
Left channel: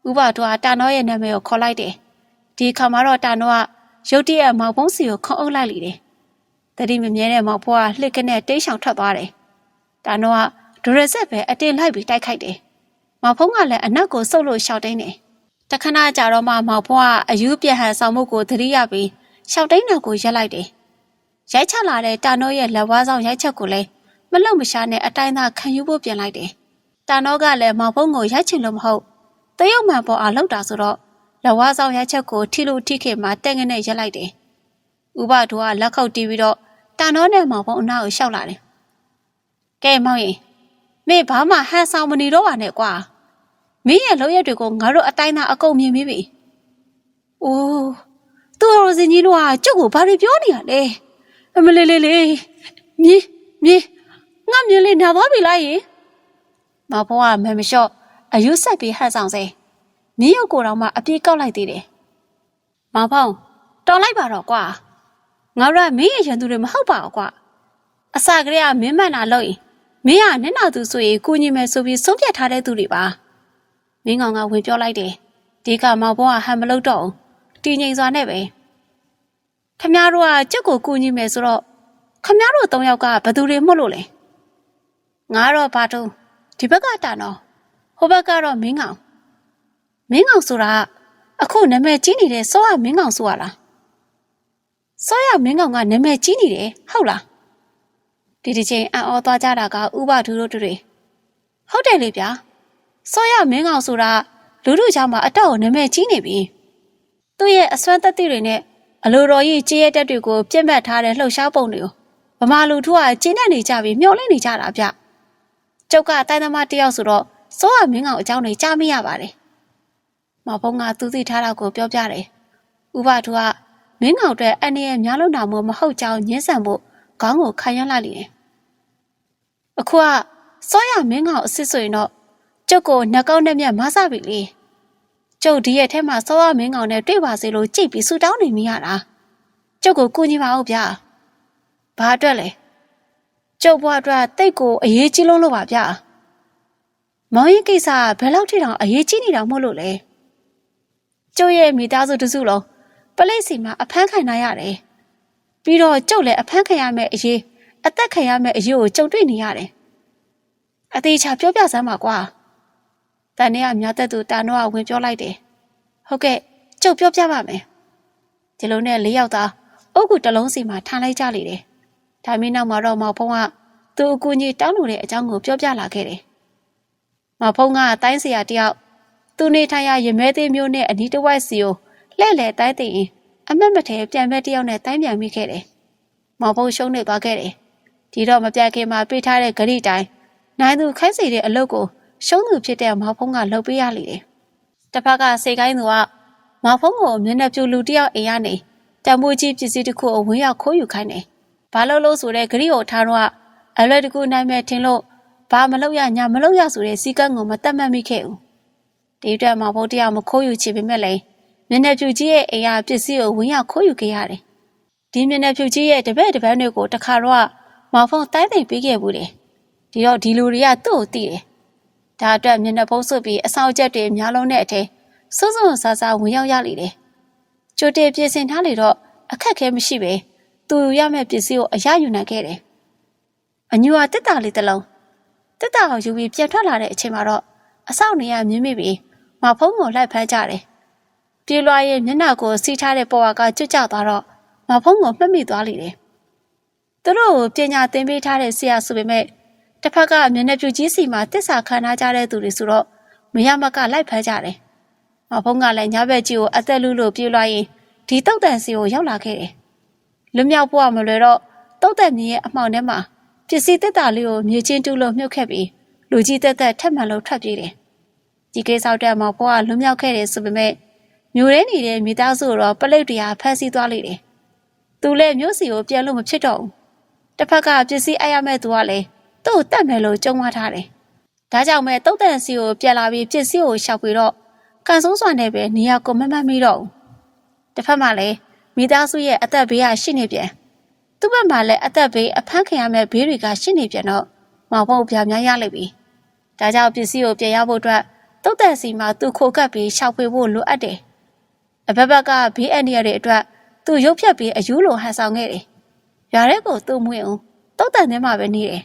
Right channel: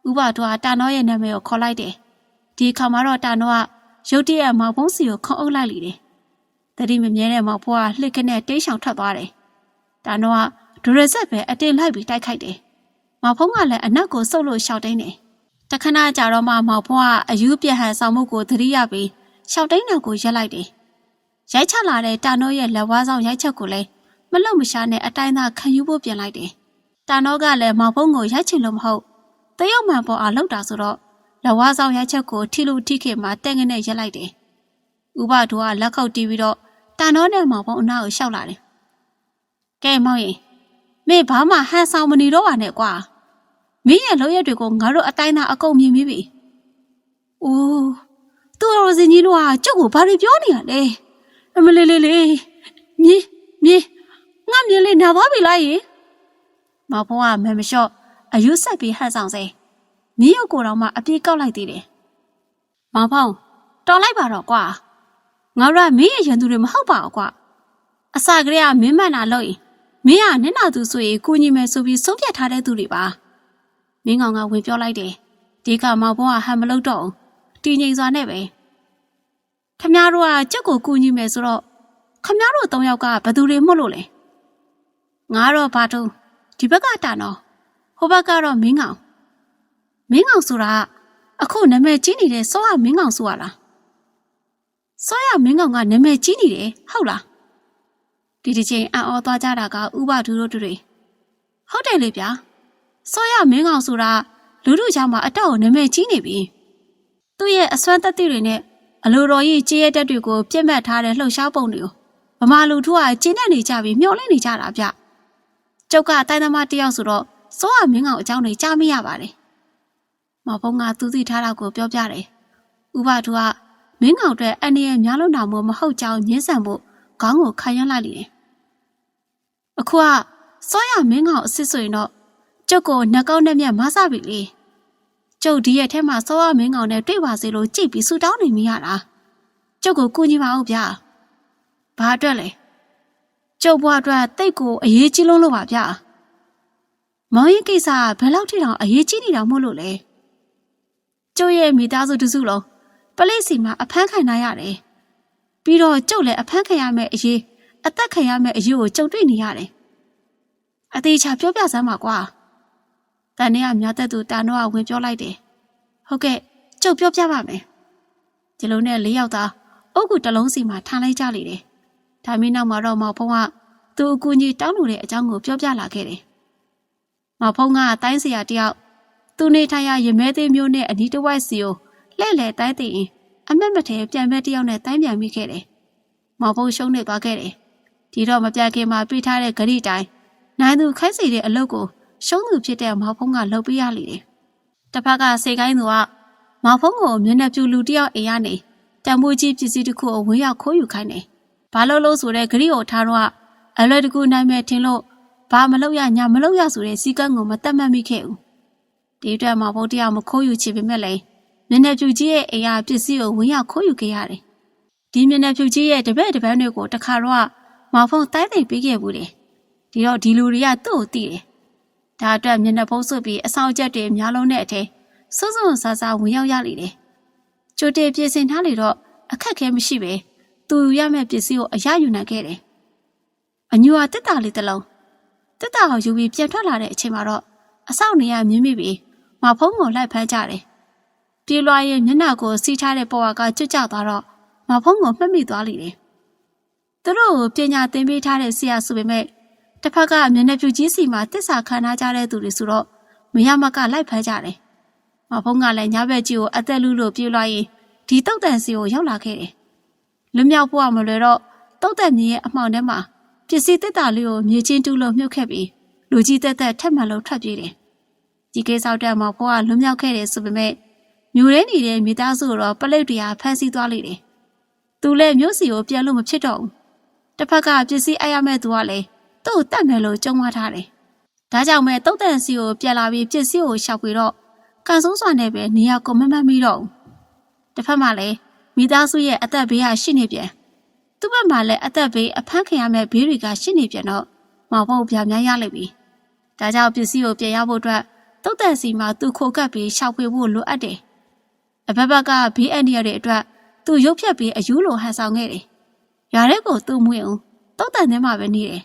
ဥပတို့ကတာနောရဲ့နာမည်ကိုခေါ်လိုက်တယ်ဒီခါမှာတော့တာနောကရုတ်တရက်မောင်ဖုံးစီကိုခေါအုပ်လိုက်လိတယ်တတိမမြဲတဲ့မောင်ဖိုးကလှစ်ကနေတိတ်ဆောင်ထွက်သွားတယ်တာနောကဒူရဆက်ပဲအတင်းလိုက်ပြီးတိုက်ခိုက်တယ်မောင်ဖုံးကလည်းအနောက်ကိုဆုတ်လို့ရှောက်တိုင်းတယ်တခဏကြာတော့မှမောင်ဖိုးကအယူပြဟန်ဆောင်မှုကိုသတိရပြီးရှောက်တိုင်းတော်ကိုရက်လိုက်တယ်ရိုက်ချလာတဲ့တာနောရဲ့လက်ဝါးဆောင်ရိုက်ချက်ကိုလည်းမလုံမရှားနဲ့အတိုင်းသာခံယူဖို့ပြင်လိုက်တယ်။တာနောကလည်းမောင်ဖုံးကိုရိုက်ချင်လို့မဟုတ် တရုတ်မှန်ပေါ်အောင်လောက်တာဆိုတော့လက်ဝါးဆောင်ရိုက်ချက်ကိုထိလို့ထိခေမှတဲ့ငနဲ့ရက်လိုက်တယ်။ဥပဒိုကလက်ခုပ်တီးပြီးတော့တာနောနဲ့မောင်ဖုံးအနာကိုရှောက်လာတယ်။ကဲမောင်ရင်မင်းဘာမှဟန်ဆောင်မနေတော့ပါနဲ့ကွာ။မင်းရဲ့လောက်ရက်တွေကိုငါတို့အတိုင်းသာအကုန်မြင်ပြီးပြီ။အိုးသူ့ရောစင်ကြီးတို့ကကျုပ်ကိုဘာတွေပြောနေရလဲ။အမလေးလေးလေးမြင်းမြင်းငါမြင်လေးနာသွားပြီလားယင်မဘုံကမဲမလျှော့ အယုဆက်ပြီးဟန်ဆောင်စေမြင်းရုပ်ကိုယ်တော်မှအပြေးကောက်လိုက်သေးတယ်မဘုံတော်လိုက်ပါတော့ကွာငါတို့ကမင်းရဲ့ရန်သူတွေမဟုတ်ပါဘူးကွာအစာကလေးကမင်းမှန်တာလို့ရင်မင်းကနင့်နာသူဆိုရင်ကိုညီမယ်ဆိုပြီးဆုံးဖြတ်ထားတဲ့သူတွေပါမင်းကောင်ကဝင်ပြောလိုက်တယ်ဒီကမောင်ဘုံကဟန်မလုပ်တော့ဘူးတည်ငြိမ်စွာနဲ့ပဲခမည်းတော်ကကြက်ကိုကူညီမယ်ဆိုတော့ခမည်းတော်၃ယောက်ကဘယ်သူတွေမှုလို့လဲငါတော့ဘာတုံးဒီဘက်ကတာနော် ဟိုဘက်ကတော့မင်းကောင်မင်းကောင်ဆိုတာအခုနာမည်ကြီးနေတဲ့စောရမင်းကောင်ဆိုရလားစောရမင်းကောင်ကနာမည်ကြီးနေတယ်ဟုတ်လားဒီဒီချိန်အံ့ဩသွားကြတာကဥပဒူတို့တွေဟုတ်တယ်လေဗျာစောရမင်းကောင်ဆိုတာလူတို့ကြားမှာအတော့နာမည်ကြီးနေပြီသူ့ရဲ့အစွမ်းသက်တွေနဲ့အလိုတော်ကြီးကြေးရဲတက်တွေကိုပြစ်မှတ်ထားတဲ့လှုပ်ရှားပုံတွေကိုဗမာလူထုကကျင်းနေနေကြပြီးမျောလင့်နေကြတာဗျကျုပ်ကတိုင်းသမားတယောက်ဆိုတော့ စောရမင်းကောင်အကြောင်းတွေကြားမရပါတယ်။မောင်ဖုံးကသူသိထားတာကိုပြောပြတယ်။ဥပဒုကမင်းကောင်အတွက်အနေနဲ့များလို့နာမို့မဟုတ်ကြောင်းညှင်းဆန်ဖို့ခေါင်းကိုခံရလိုက်လိမ့်တယ်။အခုကစောရမင်းကောင်အစ်စ်ဆိုရင်တော့ကျုပ်ကိုနှကောင်းနဲ့မြတ်မဆပြီလေ။ကျုပ်ဒီရဲ့ထဲမှာစောရမင်းကောင်နဲ့တွေ့ပါစေလို့ကြိတ်ပြီးဆူတောင်းနေမိရတာ။ကျုပ်ကိုကူညီပါဦးဗျာ။ဘာအတွက်လဲ။ကျုပ်ဘွားအတွက်တိတ်ကိုအရေးကြီးလုံးလို့ပါဗျာ မောင်ရင်ကိစ္စကဘယ်လောက်ထိတောင်အရေးကြီးနေတာမို့လို့လဲကျုပ်ရဲ့မိသားစုတစုလုံးပလိတ်စီမှာအဖမ်းခံရရတယ်ပြီးတော့ကျုပ်လည်းအဖမ်းခံရမယ့်အရေးအသက်ခံရမယ့်အရေးကိုကြုံတွေ့နေရတယ်အသေးချာပြောပြစမ်းပါကွာတန်နေကမြတ်သက်သူတာနောကဝင်ပြောလိုက်တယ်ဟုတ်ကဲ့ကျုပ်ပြောပြပါမယ်ဒီလိုနဲ့လေးယောက်သားအုတ်ကူတစ်လုံးစီမှာထားလိုက်ကြလေတယ်ဒါမင်းနောက်မှာတော့မောင်ဖုံးကသူ့အကူကြီးတောင်းလို့တဲ့အကြောင်းကိုပြောပြလာခဲ့တယ်။ မောင်ဖုံးကတိုင်းစရာတယောက်သူနေထိုင်ရရမဲသေးမျိုးနဲ့အနီးတစ်ဝိုက်စီကိုလှဲ့လေတိုင်းသိရင်အမတ်မထဲပြန်မဲ့တယောက်နဲ့တိုင်းပြန်မိခဲ့တယ်။မောင်ဖုံးရှုံးနေသွားခဲ့တယ်။ဒီတော့မပြခင်မှာပြေးထားတဲ့ဂရိတိုင်းနိုင်သူခိုင်းစီတဲ့အလုပ်ကိုရှုံးသူဖြစ်တဲ့မောင်ဖုံးကလုပ်ပေးရလိမ့်တယ်။တစ်ဖက်ကစိတ်ကိုင်းသူကမောင်ဖုံးကိုမျက်နှာပြူလူတယောက်အိမ်ကနေတံမိုးကြီးပစ္စည်းတစ်ခုကိုဝင်ရောက်ခိုးယူခိုင်းတယ်။ဘာလို့လို့ဆိုတဲ့ဂရိကိုထားတော့အလွယ်တကူနိုင်မဲ့ထင်လို့ ဘာမလုပ်ရညာမလုပ်ရဆိုတဲ့စီကံကိုမတတ်မှတ်မိခဲ့ဘူးဒီအတွက်မှာဘိုးတရားမခိုးယူချင်ပေမဲ့လည်းမျက်နှာဖြူကြီးရဲ့အိမ်ကပစ္စည်းကိုဝင်ရောက်ခိုးယူခဲ့ရတယ်ဒီမျက်နှာဖြူကြီးရဲ့တပည့်တပန်းတွေကိုတခါတော့မောင်ဖုံတိုင်းသိမ့်ပေးခဲ့ဘူးတယ်ဒီတော့ဒီလူတွေကသူ့ကိုသိတယ်ဒါအတွက်မျက်နှာဖုံးစွပ်ပြီးအဆောင်ချက်တွေများလုံးတဲ့အထဲစွန်းစွန်းဆာဆာဝင်ရောက်ရလိမ့်တယ်ကြိုတင်ပြင်ဆင်ထားလေတော့အခက်ခဲမရှိပဲသူရမယ့်ပစ္စည်းကိုအရယူနိုင်ခဲ့တယ်။အညူဟာတစ်တာလေးတစ်လုံး တစ်တာကိုယူပြီးပြန်ထွက်လာတဲ့အချိန်မှာတော့အဆောက်နေရမြင်းမိပြီးမဖုံးကိုလိုက်ဖမ်းကြတယ်။ပြေးလွှားရဲ့မျက်နှာကိုစီးထားတဲ့ပေါ်ဝါကကျွတ်ကျသွားတော့မဖုံးကိုမှတ်မိသွားလိမ့်တယ်။သူတို့ကိုပညာသင်ပေးထားတဲ့ဆရာဆိုပေမဲ့တစ်ဖက်ကမျက်နှာပြူကြီးစီမှာတစ္ဆာခံထားကြတဲ့သူတွေဆိုတော့မရမကလိုက်ဖမ်းကြတယ်။မဖုံးကလည်းညဘက်ကြီးကိုအသက်လူလို့ပြေးလွှားရင်ဒီတုတ်တန်စီကိုရောက်လာခဲ့တယ်။လွမြောက်ဖို့မလွယ်တော့တုတ်တန်မြင်းရဲ့အမှောင်ထဲမှာ ပစ္စည်းတက်တာလေးကိုမြေချင်းတူးလို့မြုပ်ခဲ့ပြီးလူကြီးတက်တက်ထက်မှန်လို့ထွက်ပြေးတယ်။ဒီကိစ္စတက်မှာဘွားကလွမြောက်ခဲ့တယ်ဆိုပေမဲ့မျိုးရဲနေတဲ့မိသားစုတော့ပလိတ်တရားဖမ်းဆီးသွားလိမ့်တယ်။သူလည်းမျိုးစီကိုပြန်လို့မဖြစ်တော့ဘူး။တစ်ဖက်ကပစ္စည်းအပ်ရမဲ့သူကလည်းသူ့ကိုတတ်မယ်လို့ကြုံမထားတယ်။ဒါကြောင့်မဲ့တုတ်တန်စီကိုပြန်လာပြီးပစ္စည်းကိုရှောက်ပြီးတော့ကန်ဆိုးစွာနဲ့ပဲနေရာကိုမမတ်မိတော့ဘူး။တစ်ဖက်မှာလည်းမိသားစုရဲ့အသက်ဘေးကရှိနေပြန်။ သူ့ဘက်မှာလည်းအသက်ဘေးအဖမ်းခံရမဲ့ဘေးတွေကရှိနေပြန်တော့မောင်ဖို့ပြများရလိမ့်ပြီ။ဒါကြောင့်ပစ္စည်းကိုပြန်ရဖို့အတွက်တုတ်တန်စီမှာသူခိုကပ်ပြီးရှောက်ပေးဖို့လိုအပ်တယ်။အဘက်ဘက်ကဘေးအန္တရာယ်တွေအတွက်သူရုပ်ဖြတ်ပြီးအယူလိုဟန်ဆောင်ခဲ့တယ်။ရွာထဲကိုသူ့မွေးအောင်တုတ်တန်ထဲမှာပဲနေတယ်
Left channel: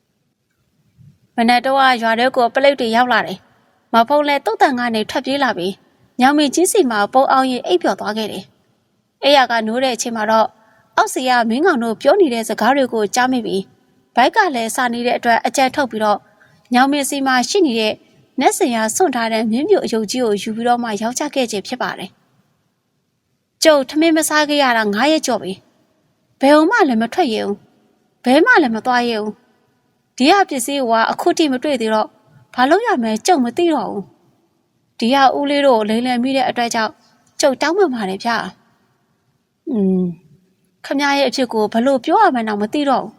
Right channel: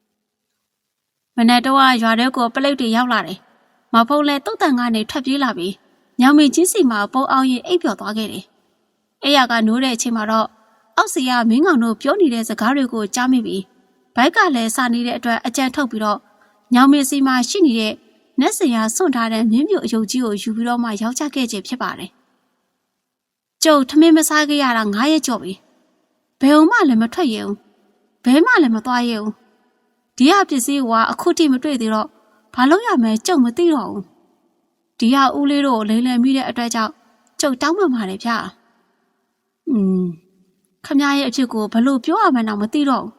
။မနေ့တော့ရွာထဲကိုပလိတ်တွေရောက်လာတယ်။မဖုံးလဲတုတ်တန်ကနေထွက်ပြေးလာပြီးညောင်မီကြီးစီမှာပုံအောင်ရင်အိပ်ပျော်သွားခဲ့တယ်။အဲ့ရကနိုးတဲ့အချိန်မှာတော့ အောက်စီကမင်းကောင်တို့ပြောနေတဲ့စကားတွေကိုကြားမိပြီးဘိုက်ကလည်းစာနေတဲ့အတွက်အကြံထုတ်ပြီးတော့ညောင်မင်းစီမှာရှိနေတဲ့နက်စင်ရစွန့်ထားတဲ့မြင်းမြုပ်အယုတ်ကြီးကိုယူပြီးတော့မှရောက်ချခဲ့ခြင်းဖြစ်ပါတယ်။ကျုပ်ထမင်းမစားခဲ့ရတာ9ရက်ကျော်ပြီ။ဘယ်အောင်မှလည်းမထွက်ရဘူး။ဘဲမှလည်းမသွားရဘူး။ဒီဟာပစ္စည်းကအခုထိမတွေ့သေးတော့ဘာလို့ရမလဲကျုပ်မသိတော့ဘူး။ဒီဟာဦးလေးတို့လိမ့်လည်မိတဲ့အတွက်ကြောင့်ကျုပ်တောင်းပန်ပါတယ်ဗျာ။อืม ခမရဲ့အဖြစ်ကိုဘလို့ပြောရမှန်းတော့မသိတော့ဘူး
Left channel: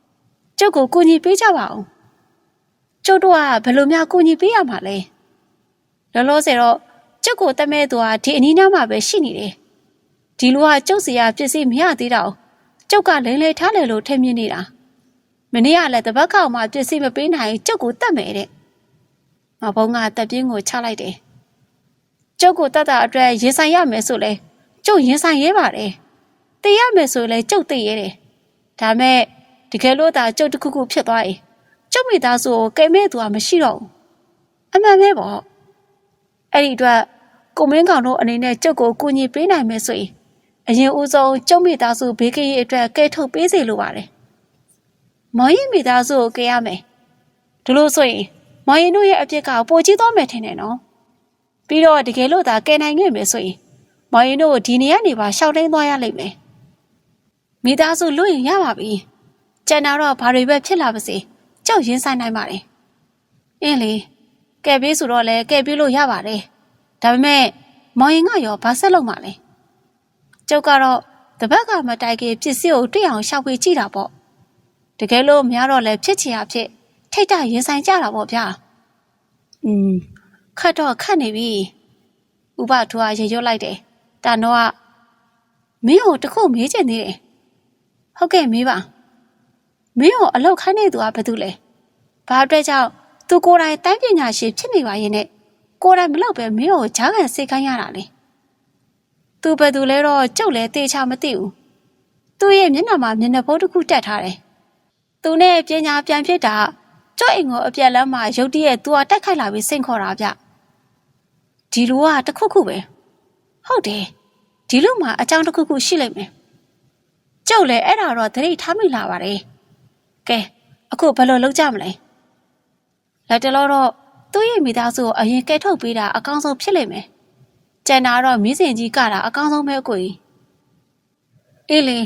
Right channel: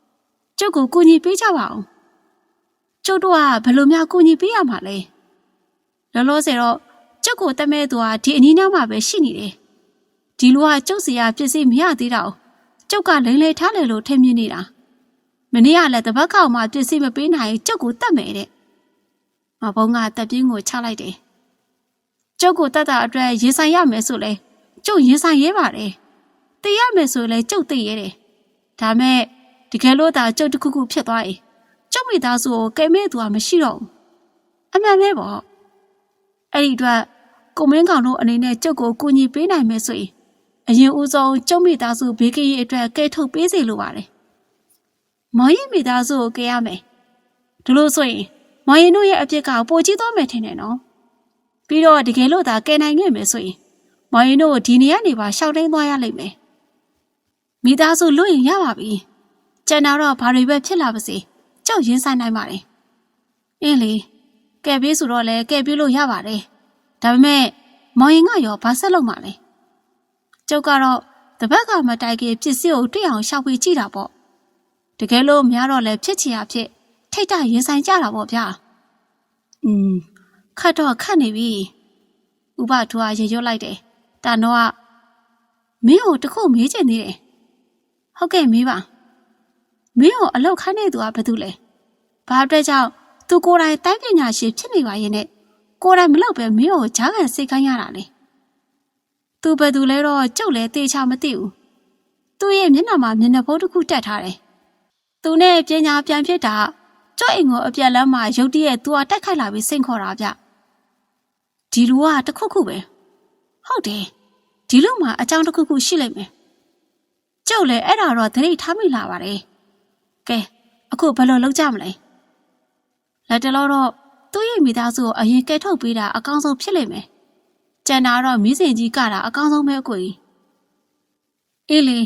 ။ကျုပ်ကိုကူညီပေးကြပါဦး။ကျုပ်တို့ကဘယ်လိုများကူညီပေးရမှာလဲ။လောလောဆယ်တော့ကျုပ်ကိုတမဲသူကဒီအနီးနားမှာပဲရှိနေတယ်။ဒီလူကကျုပ်စီရပစ္စည်းမရသေးတော့ကျုပ်ကလိမ့်လေထားလေလို့ထင်မြင်နေတာ။မနေ့ကလည်းတပတ်ကောင်မှပစ္စည်းမပေးနိုင်ကျုပ်ကိုတတ်မယ်တဲ့။မဘုံကတက်ပြင်းကိုချလိုက်တယ်။ကျုပ်ကိုတတ်တာအတွက်ရင်ဆိုင်ရမယ်ဆိုလဲကျုပ်ရင်ဆိုင်ရဲပါတယ်။ တည်ရမယ်ဆိုလဲကျုပ်တည်ရဲတယ်။ဒါမဲ့တကယ်လို့သာကျုပ်တစ်ခုခုဖြစ်သွားရင်ကျုပ်မိသားစုကိုကိမဲ့သူကမရှိတော့ဘူးအမှန်ပဲပေါ့အဲ့ဒီအတွက်ကိုမင်းကောင်တို့အနေနဲ့ကျုပ်ကိုကူညီပေးနိုင်မယ်ဆိုရင်အရင်ဦးဆုံးကျုပ်မိသားစုဘေးကင်းရေးအတွက်ကဲထုတ်ပေးစေလိုပါတယ်မောင်ရင်မိသားစုကိုကဲရမယ်ဒီလိုဆိုရင်မောင်ရင်တို့ရဲ့အပြစ်ကပိုကြီးသွားမယ်ထင်တယ်နော်ပြီးတော့တကယ်လို့သာကဲနိုင်ခဲ့မယ်ဆိုရင်မောင်ရင်တို့ဒီနေရာနေပါရှောက်တိုင်းသွားရလိမ့်မယ် မိသားစုလွတ်ရင်ရပါပြီကျန်တာတော့ဘာတွေပဲဖြစ်လာပါစေကြောက်ရင်းဆိုင်နိုင်ပါတယ်။အင်းလေကဲပေးဆိုတော့လဲကဲပေးလို့ရပါတယ်။ဒါပေမဲ့မောင်ရင်ကရောဘာဆက်လုပ်မှလဲ။ကျုပ်ကတော့တပတ်ကမတိုင်ခင်ပစ္စည်းကိုတွေ့အောင်ရှောက်ပေးကြည့်တာပေါ့။တကယ်လို့များတော့လဲဖြစ်ချင်ရဖြစ်ထိတ်တရင်ဆိုင်ကြတာပေါ့ဗျာ။อืมခတ်တော့ခတ်နေပြီ။ဥပထူကရေရွတ်လိုက်တယ်။တာနောကမင်းကိုတခုမေးချင်သေးတယ်။ ဟုတ်ကဲ့မေးပါ။မင်းကိုအလောက်ခိုင်းနေသူကဘာတူလဲဘာအတွက်ကြောင့်သူကိုယ်တိုင်တိုင်းပညာရှင်ဖြစ်နေပါရဲ့နဲ့ကိုယ်တိုင်မလောက်ပဲမင်းကိုဂျားကန်စိတ်ခိုင်းရတာလေသူဘယ်သူလဲတော့ကြုတ်လဲတေချာမသိဘူးသူ့ရဲ့မျက်နှာမှာမျက်နှာပိုးတစ်ခုတက်ထားတယ်သူနဲ့ပညာပြန်ဖြစ်တာကြော့အိမ်ကိုအပြက်လမ်းမှာရုတ်တရက်သူကတိုက်ခိုက်လာပြီးစိန်ခေါ်တာဗျဒီလူကတခုခုပဲဟုတ်တယ်ဒီလူမှာအကြောင်းတစ်ခုခုရှိလိမ့်မယ် ကျုပ်လည်းအဲ့ဒါတော့သတိထားမိလာပါတယ်ကဲအခုဘယ်လိုလုပ်ကြမလဲလက်တလောတော့သူ့ရဲ့မိသားစုကိုအရင်ကဲထုတ်ပေးတာအကောင်းဆုံးဖြစ်လိမ့်မယ်ကျန်တာတော့မီးစင်ကြီးကတာအကောင်းဆုံးပဲကိုကြီးအေးလေ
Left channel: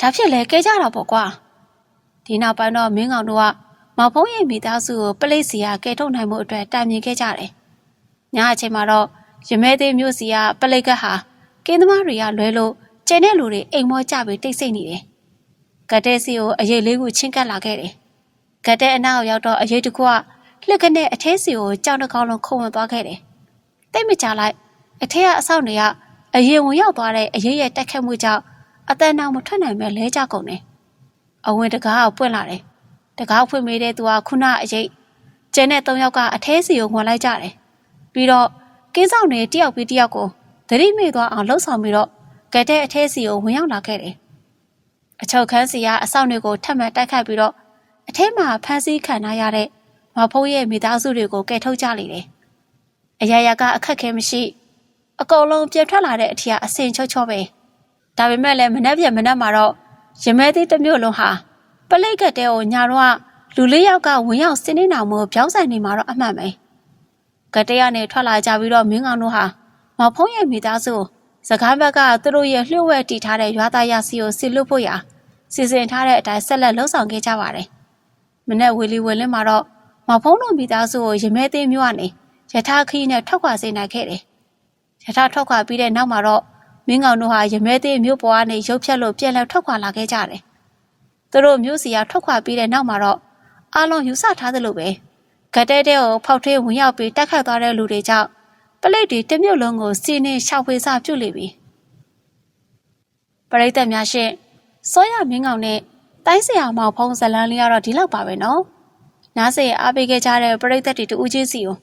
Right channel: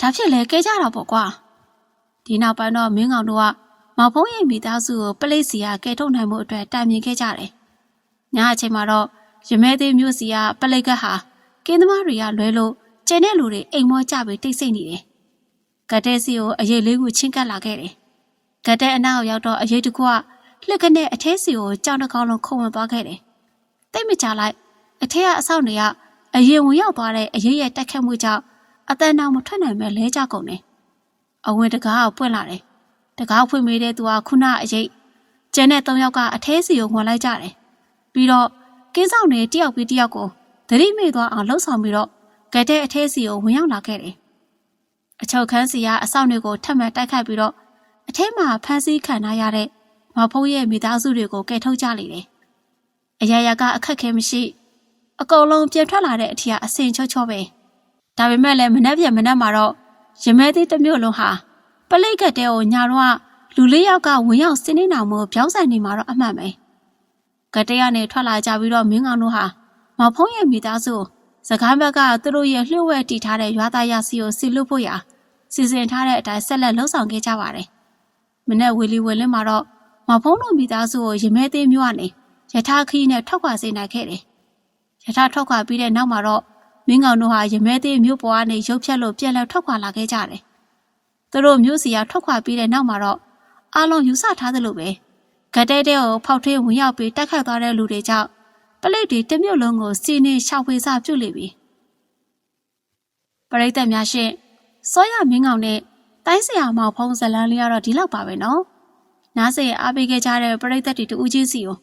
ဒါဖြစ်လဲကဲကြတာပေါ့ကွာဒီနောက်ပိုင်းတော့မင်းကောင်တို့ကမောင်ဖုံးရဲ့မိသားစုကိုပလိတ်စီကကဲထုတ်နိုင်မှုအတွက်တိုင်မြင်ခဲ့ကြတယ်ညအချိန်မှာတော့ရမဲသေးမျိုးစီကပလိတ်ကဟာကင်းသမားတွေကလွဲလို့ ကျန်တဲ့လူတွေအိမ်မောကြပြီးတိတ်ဆိတ်နေတယ်ဂတ်တဲစီကိုအရေးလေးခုချင်းကပ်လာခဲ့တယ်။ဂတ်တဲအနောက်ရောက်တော့အရေးတစ်ခုကလှက်ကနဲ့အထဲစီကိုကြောင်တစ်ကောင်လုံးခုံဝင်သွားခဲ့တယ်။တိတ်မကြလိုက်အထဲကအဆောက်တွေကအရေးဝင်ရောက်သွားတဲ့အရေးရဲ့တက်ခတ်မှုကြောင့်အတန်တောင်မထွက်နိုင်ပဲလဲကြကုန်တယ်။အဝင်တကားကိုပွင့်လာတယ်။တကားဖွင့်မိတဲ့သူကခုနအရေးကျန်တဲ့၃ယောက်ကအထဲစီကိုဝင်လိုက်ကြတယ်။ပြီးတော့ကင်းဆောင်တွေတယောက်ပြီးတယောက်ကိုသတိမေ့သွားအောင်လှုပ်ဆောင်ပြီးတော့ ဂတ်တဲအထဲစီကိုဝင်ရောက်လာခဲ့တယ်အချုပ်ခန်းစီကအဆောင်တွေကိုထပ်မံတိုက်ခိုက်ပြီးတော့အထဲမှာဖမ်းဆီးခံထားရတဲ့မဖုံးရဲ့မိသားစုတွေကိုကယ်ထုတ်ကြလေတယ်။အရာရာကအခက်ခဲမရှိအကုန်လုံးပြန်ထွက်လာတဲ့အထီကအစင်ချောချောပဲဒါပေမဲ့လည်းမနှက်ပြမနှက်မှာတော့ရမဲသေးတစ်မျိုးလုံးဟာပလိတ်ကတဲ့ကိုညာတော့လူလေးယောက်ကဝင်ရောက်စင်းနေတာမို့ပြောင်းဆိုင်နေမှာတော့အမှန်ပဲကတဲ့ရနဲ့ထွက်လာကြပြီးတော့မင်းကောင်တို့ဟာမဖုံးရဲ့မိသားစု စကားဘက်ကသူတို့ရဲ့လှုပ်ဝဲတီထားတဲ့ရွာသားရစီကိုစီလွတ်ဖို့ရာစီစဉ်ထားတဲ့အတိုင်းဆက်လက်လှုပ်ဆောင်ခဲ့ကြပါတယ်မနေ့ဝီလီဝယ်လင်းမှာတော့မဖုံးတို့မိသားစုကိုရမဲသေးမျိုးကနေယထာခီးနဲ့ထွက်ခွာစေနိုင်ခဲ့တယ်ရထားထွက်ခွာပြီးတဲ့နောက်မှာတော့မင်းကောင်တို့ဟာရမဲသေးမြို့ပေါ်ကနေရုပ်ဖြတ်လို့ပြန်လည်ထွက်ခွာလာခဲ့ကြတယ်။သူတို့မြို့စီကထွက်ခွာပြီးတဲ့နောက်မှာတော့အားလုံးယူဆထားသလိုပဲဂတ်တဲတဲကိုဖောက်ထွေးဝင်ရောက်ပြီးတက်ခတ်သွားတဲ့လူတွေကြောင့် ပလိတ်တွေတစ်မြို့လုံးကိုစီနေရှောက်ဖွေစပြုတ်လေပြီ။ပရိသတ်များရှင်စောရမင်းကောင်နဲ့တိုင်းဆရာမောင်ဖုံးဇလန်းလေးကတော့ဒီလောက်ပါပဲနော်။နားစေအားပေးခဲ့ကြတဲ့ပရိသတ်တွေတူဦးချင်းစီကို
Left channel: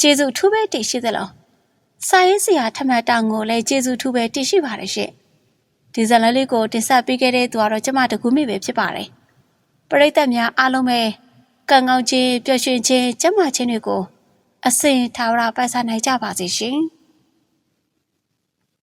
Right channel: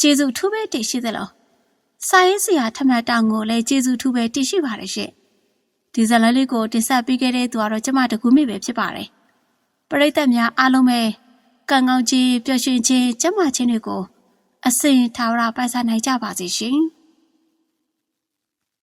ကျေးဇူးထူးပဲတင်ရှိသလား။စာရေးဆရာထမတ်တောင်ကိုလည်းကျေးဇူးထူးပဲတင်ရှိပါတယ်ရှင့်။ဒီဇလန်းလေးကိုတင်ဆက်ပေးခဲ့တဲ့သူကတော့ကျမတကူမိပဲဖြစ်ပါတယ်။ပရိသတ်များအားလုံးပဲကံကောင်းခြင်းပျော်ရွှင်ခြင်းကျန်းမာခြင်းတွေကို အစဉ်ထာဝရပိုက်စားနိုင်ကြပါစေရှင်။